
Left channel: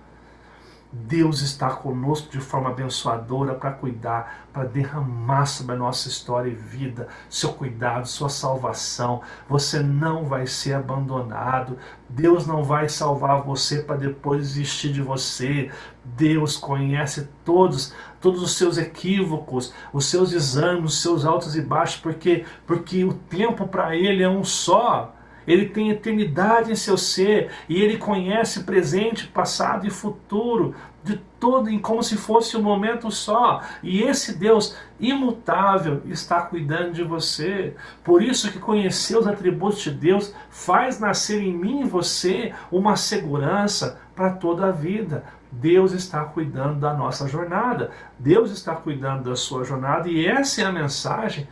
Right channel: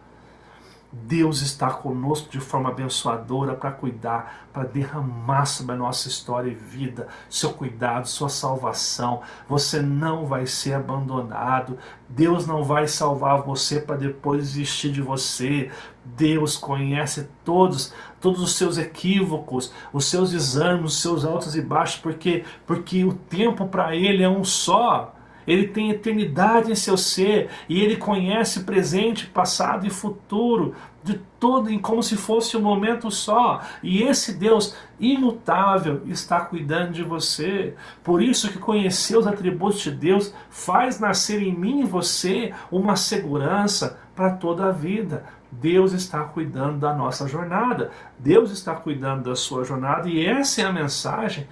Deus está conosco de forma abençoadora para cuidar, para derramar sobre a nossa história e vida, seu cuidado, sua salvação. Você não vai ser abandonado. Deus não vai salvar você para depois desistir de você. Deus conhece todos os seus equívocos, os seus exames, os seus altos e baixos, porque o tempo para Ele é um só. Ele tem eternidade em seu ser e Ele conhece presente, passado e futuro de todo, como se fosse um momento só. E esse Deus imutável está cuidando de você. Por isso que conhecer os atributos de Deus faz nascer em mim e você uma segurança para toda a vida. Deus está cuidando da nossa jornada. Deus está cuidando da sua jornada, e essa é a mensagem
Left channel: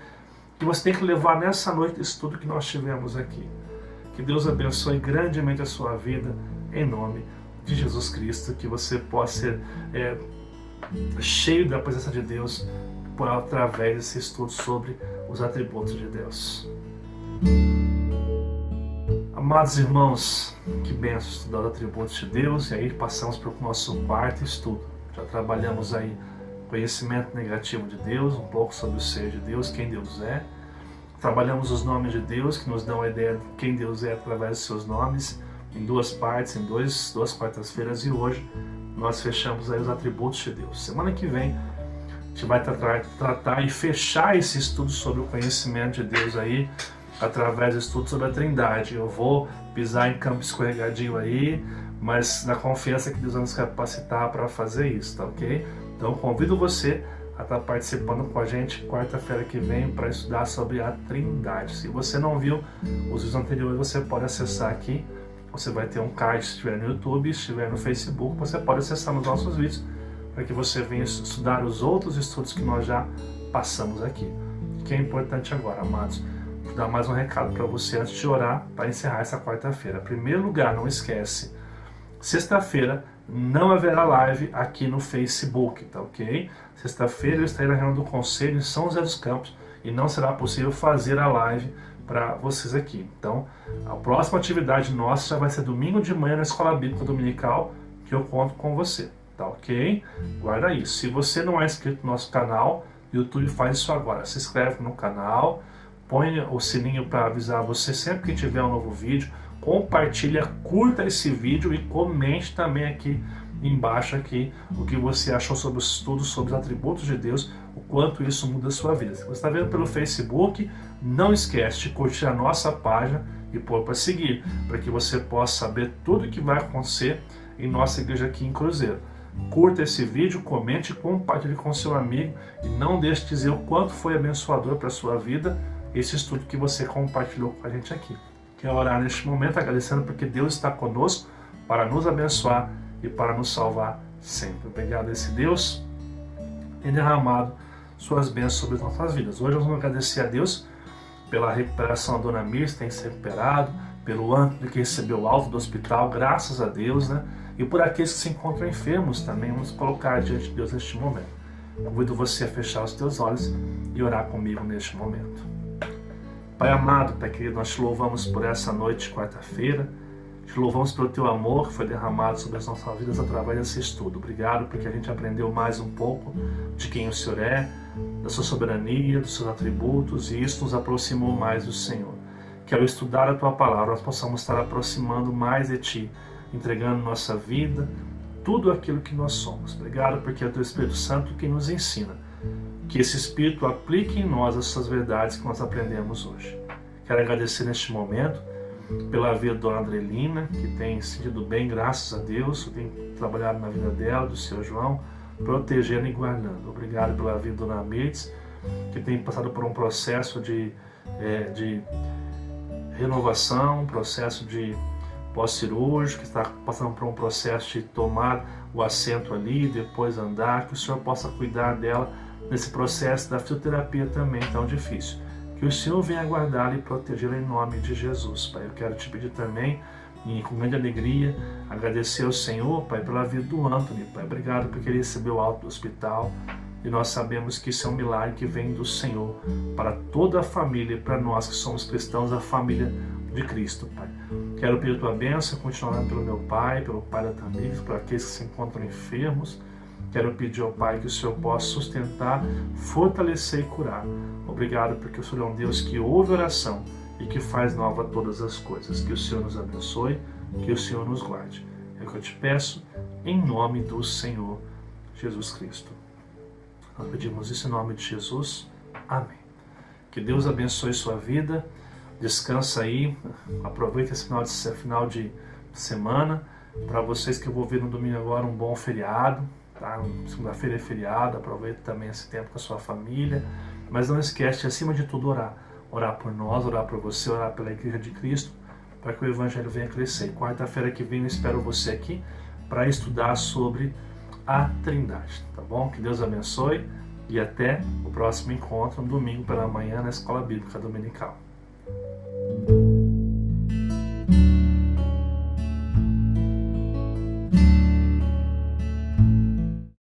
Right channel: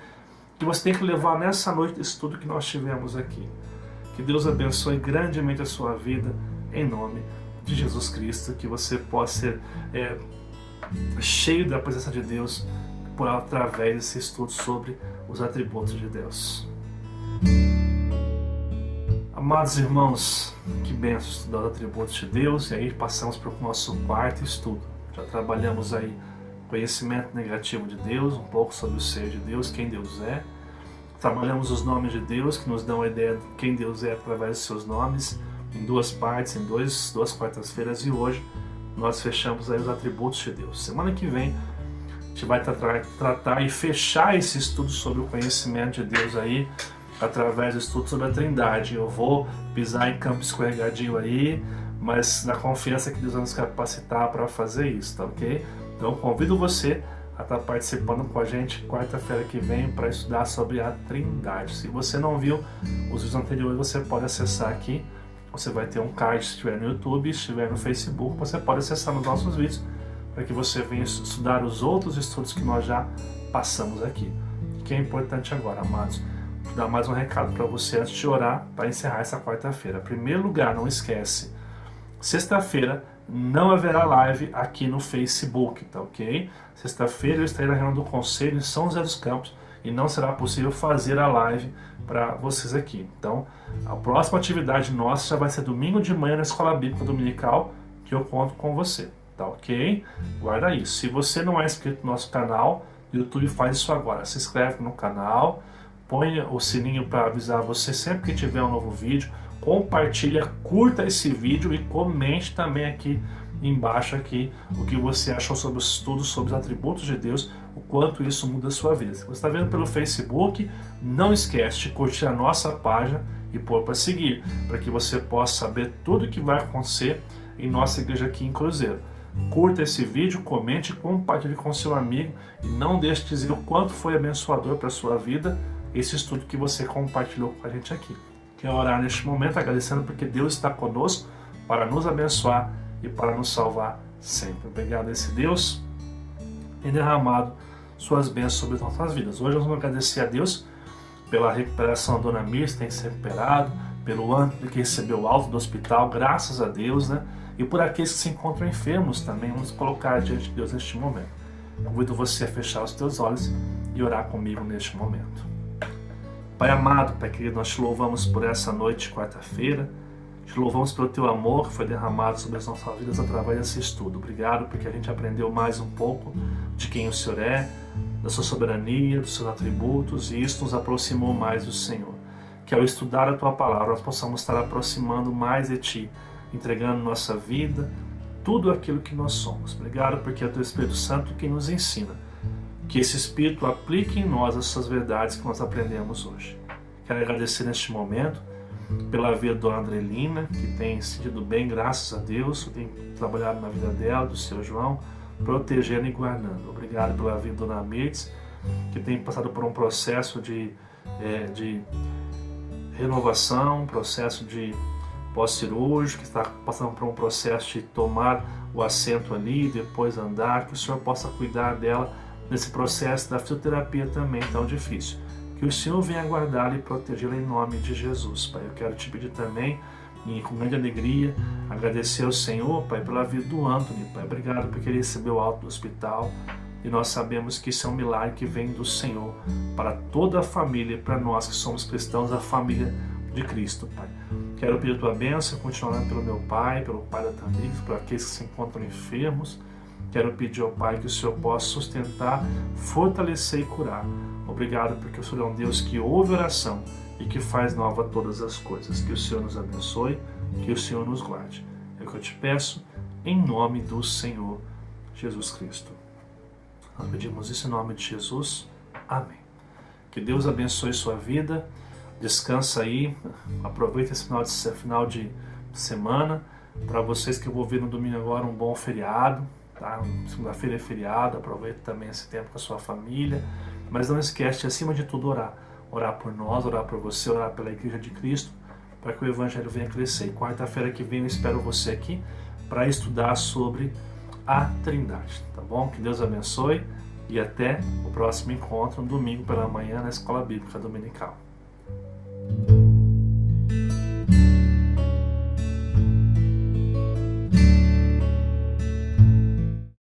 que você tem que levar nessa noite de estudo que nós tivemos aqui. Que Deus abençoe grandemente a sua vida, em nome de Jesus Cristo. Que você possa ser cheio da presença de Deus através desse estudo sobre os atributos de Deus. Amados irmãos, que bênção estudar os atributos de Deus. E aí passamos para o nosso quarto estudo. Já trabalhamos aí conhecimento negativo de Deus, um pouco sobre o ser de Deus, quem Deus é. Trabalhamos os nomes de Deus, que nos dão a ideia de quem Deus é através dos seus nomes, em duas partes, em duas quartas-feiras. E hoje nós fechamos aí os atributos de Deus. Semana que vem a gente vai tratar e fechar esse estudo sobre o conhecimento de Deus aí, através do estudo sobre a Trindade. Eu vou pisar em campo escorregadio aí, mas na confiança que Deus vai nos capacitar para fazer isso, tá ok? Então convido você a estar participando com a gente quarta-feira que vem para estudar sobre a Trindade. Se você não viu os vídeos anteriores, você pode acessar aqui. Você vai ter um card se estiver no YouTube, se estiver no Facebook, você pode acessar nos nossos vídeos para que você venha estudar os outros estudos que nós já passamos aqui. O que é importante agora, amados? Vou dar mais um recado para você antes de orar para encerrar essa quarta-feira. Em primeiro lugar, não esquece, sexta-feira não haverá live aqui no Facebook, tá ok? Sexta-feira eu estarei na reunião do Conselho em São José dos Campos e não será possível fazer a live para vocês aqui. Então, a próxima atividade nossa já vai ser domingo de manhã na Escola Bíblica Dominical, que eu conto com você, tá ok? Guarda isso. Se você não é inscrito no nosso canal, o YouTube faz isso agora. Se inscreve no canal, põe o sininho para avisar você sempre que tiver um novo vídeo, compartilha, curta esse vídeo e comente também aqui embaixo aqui o que você achou sobre os estudos sobre os atributos de Deus, o quanto isso muda a sua vida. Se você está vendo pelo Facebook, não esquece de curtir a nossa página e pôr para seguir, para que você possa saber tudo o que vai acontecer em nossa igreja aqui em Cruzeiro. Curta esse vídeo, comente, compartilhe com seu amigo e não deixe de dizer o quanto foi abençoador para a sua vida esse estudo que você compartilhou com a gente aqui. Quero orar neste momento agradecendo porque Deus está conosco para nos abençoar e para nos salvar sempre. Obrigado a esse Deus e derramado suas bênçãos sobre as nossas vidas. Hoje nós vamos agradecer a Deus pela recuperação da Dona Mir, que tem se recuperado, pelo Antônio que recebeu o alta do hospital, graças a Deus, né? E por aqueles que se encontram enfermos também, vamos colocar diante de Deus neste momento. Convido você a fechar os teus olhos e orar comigo neste momento. Pai amado, Pai querido, nós te louvamos por essa noite de quarta-feira. Te louvamos pelo teu amor que foi derramado sobre as nossas vidas através desse estudo. Obrigado porque a gente aprendeu mais um pouco de quem o Senhor é, da sua soberania, dos seus atributos, e isso nos aproximou mais do Senhor. Que ao estudar a tua palavra nós possamos estar aproximando mais de ti, entregando nossa vida, tudo aquilo que nós somos. Obrigado porque é o teu Espírito Santo quem nos ensina. Que esse Espírito aplique em nós essas verdades que nós aprendemos hoje. Quero agradecer neste momento pela vida da Dona Andrelina, que tem sentido bem, graças a Deus, tem trabalhado na vida dela, do seu João, protegendo e guardando. Obrigado pela vida da Dona Mirtz, que tem passado por um processo de renovação, um processo de pós-cirúrgico, que está passando por um processo de tomar o assento ali, depois andar, que o Senhor possa cuidar dela nesse processo da fisioterapia também tão difícil. Que o Senhor venha guardá-la e protegê-la em nome de Jesus, Pai. Eu quero te pedir também, e com grande alegria, agradecer ao Senhor, Pai, pela vida do Antônio, Pai. Obrigado porque ele recebeu alta do hospital e nós sabemos que isso é um milagre que vem do Senhor para toda a família, para nós que somos cristãos, a família de Cristo, Pai. Quero pedir a tua bênção, continuar orando pelo meu pai, pelo pai da Tamires, por aqueles que se encontram enfermos. Quero pedir ao Pai que o Senhor possa sustentar, fortalecer e curar. Obrigado porque o Senhor é um Deus que ouve oração e que faz nova todas as coisas. Que o Senhor nos abençoe, que o Senhor nos guarde. É o que eu te peço, em nome do Senhor Jesus Cristo. Nós pedimos isso em nome de Jesus. Amém. Que Deus abençoe sua vida. Descansa aí. Aproveita esse final de semana. Para vocês que eu vou ver no domingo agora, um bom feriado. Tá? Segunda-feira é feriado, aproveita também esse tempo com a sua família, mas não esquece de, acima de tudo, orar por nós, orar por você, orar pela Igreja de Cristo, para que o Evangelho venha crescer. E quarta-feira que vem eu espero você aqui para estudar sobre a Trindade, tá bom? Que Deus abençoe e até o próximo encontro, no domingo pela manhã, na Escola Bíblica Dominical.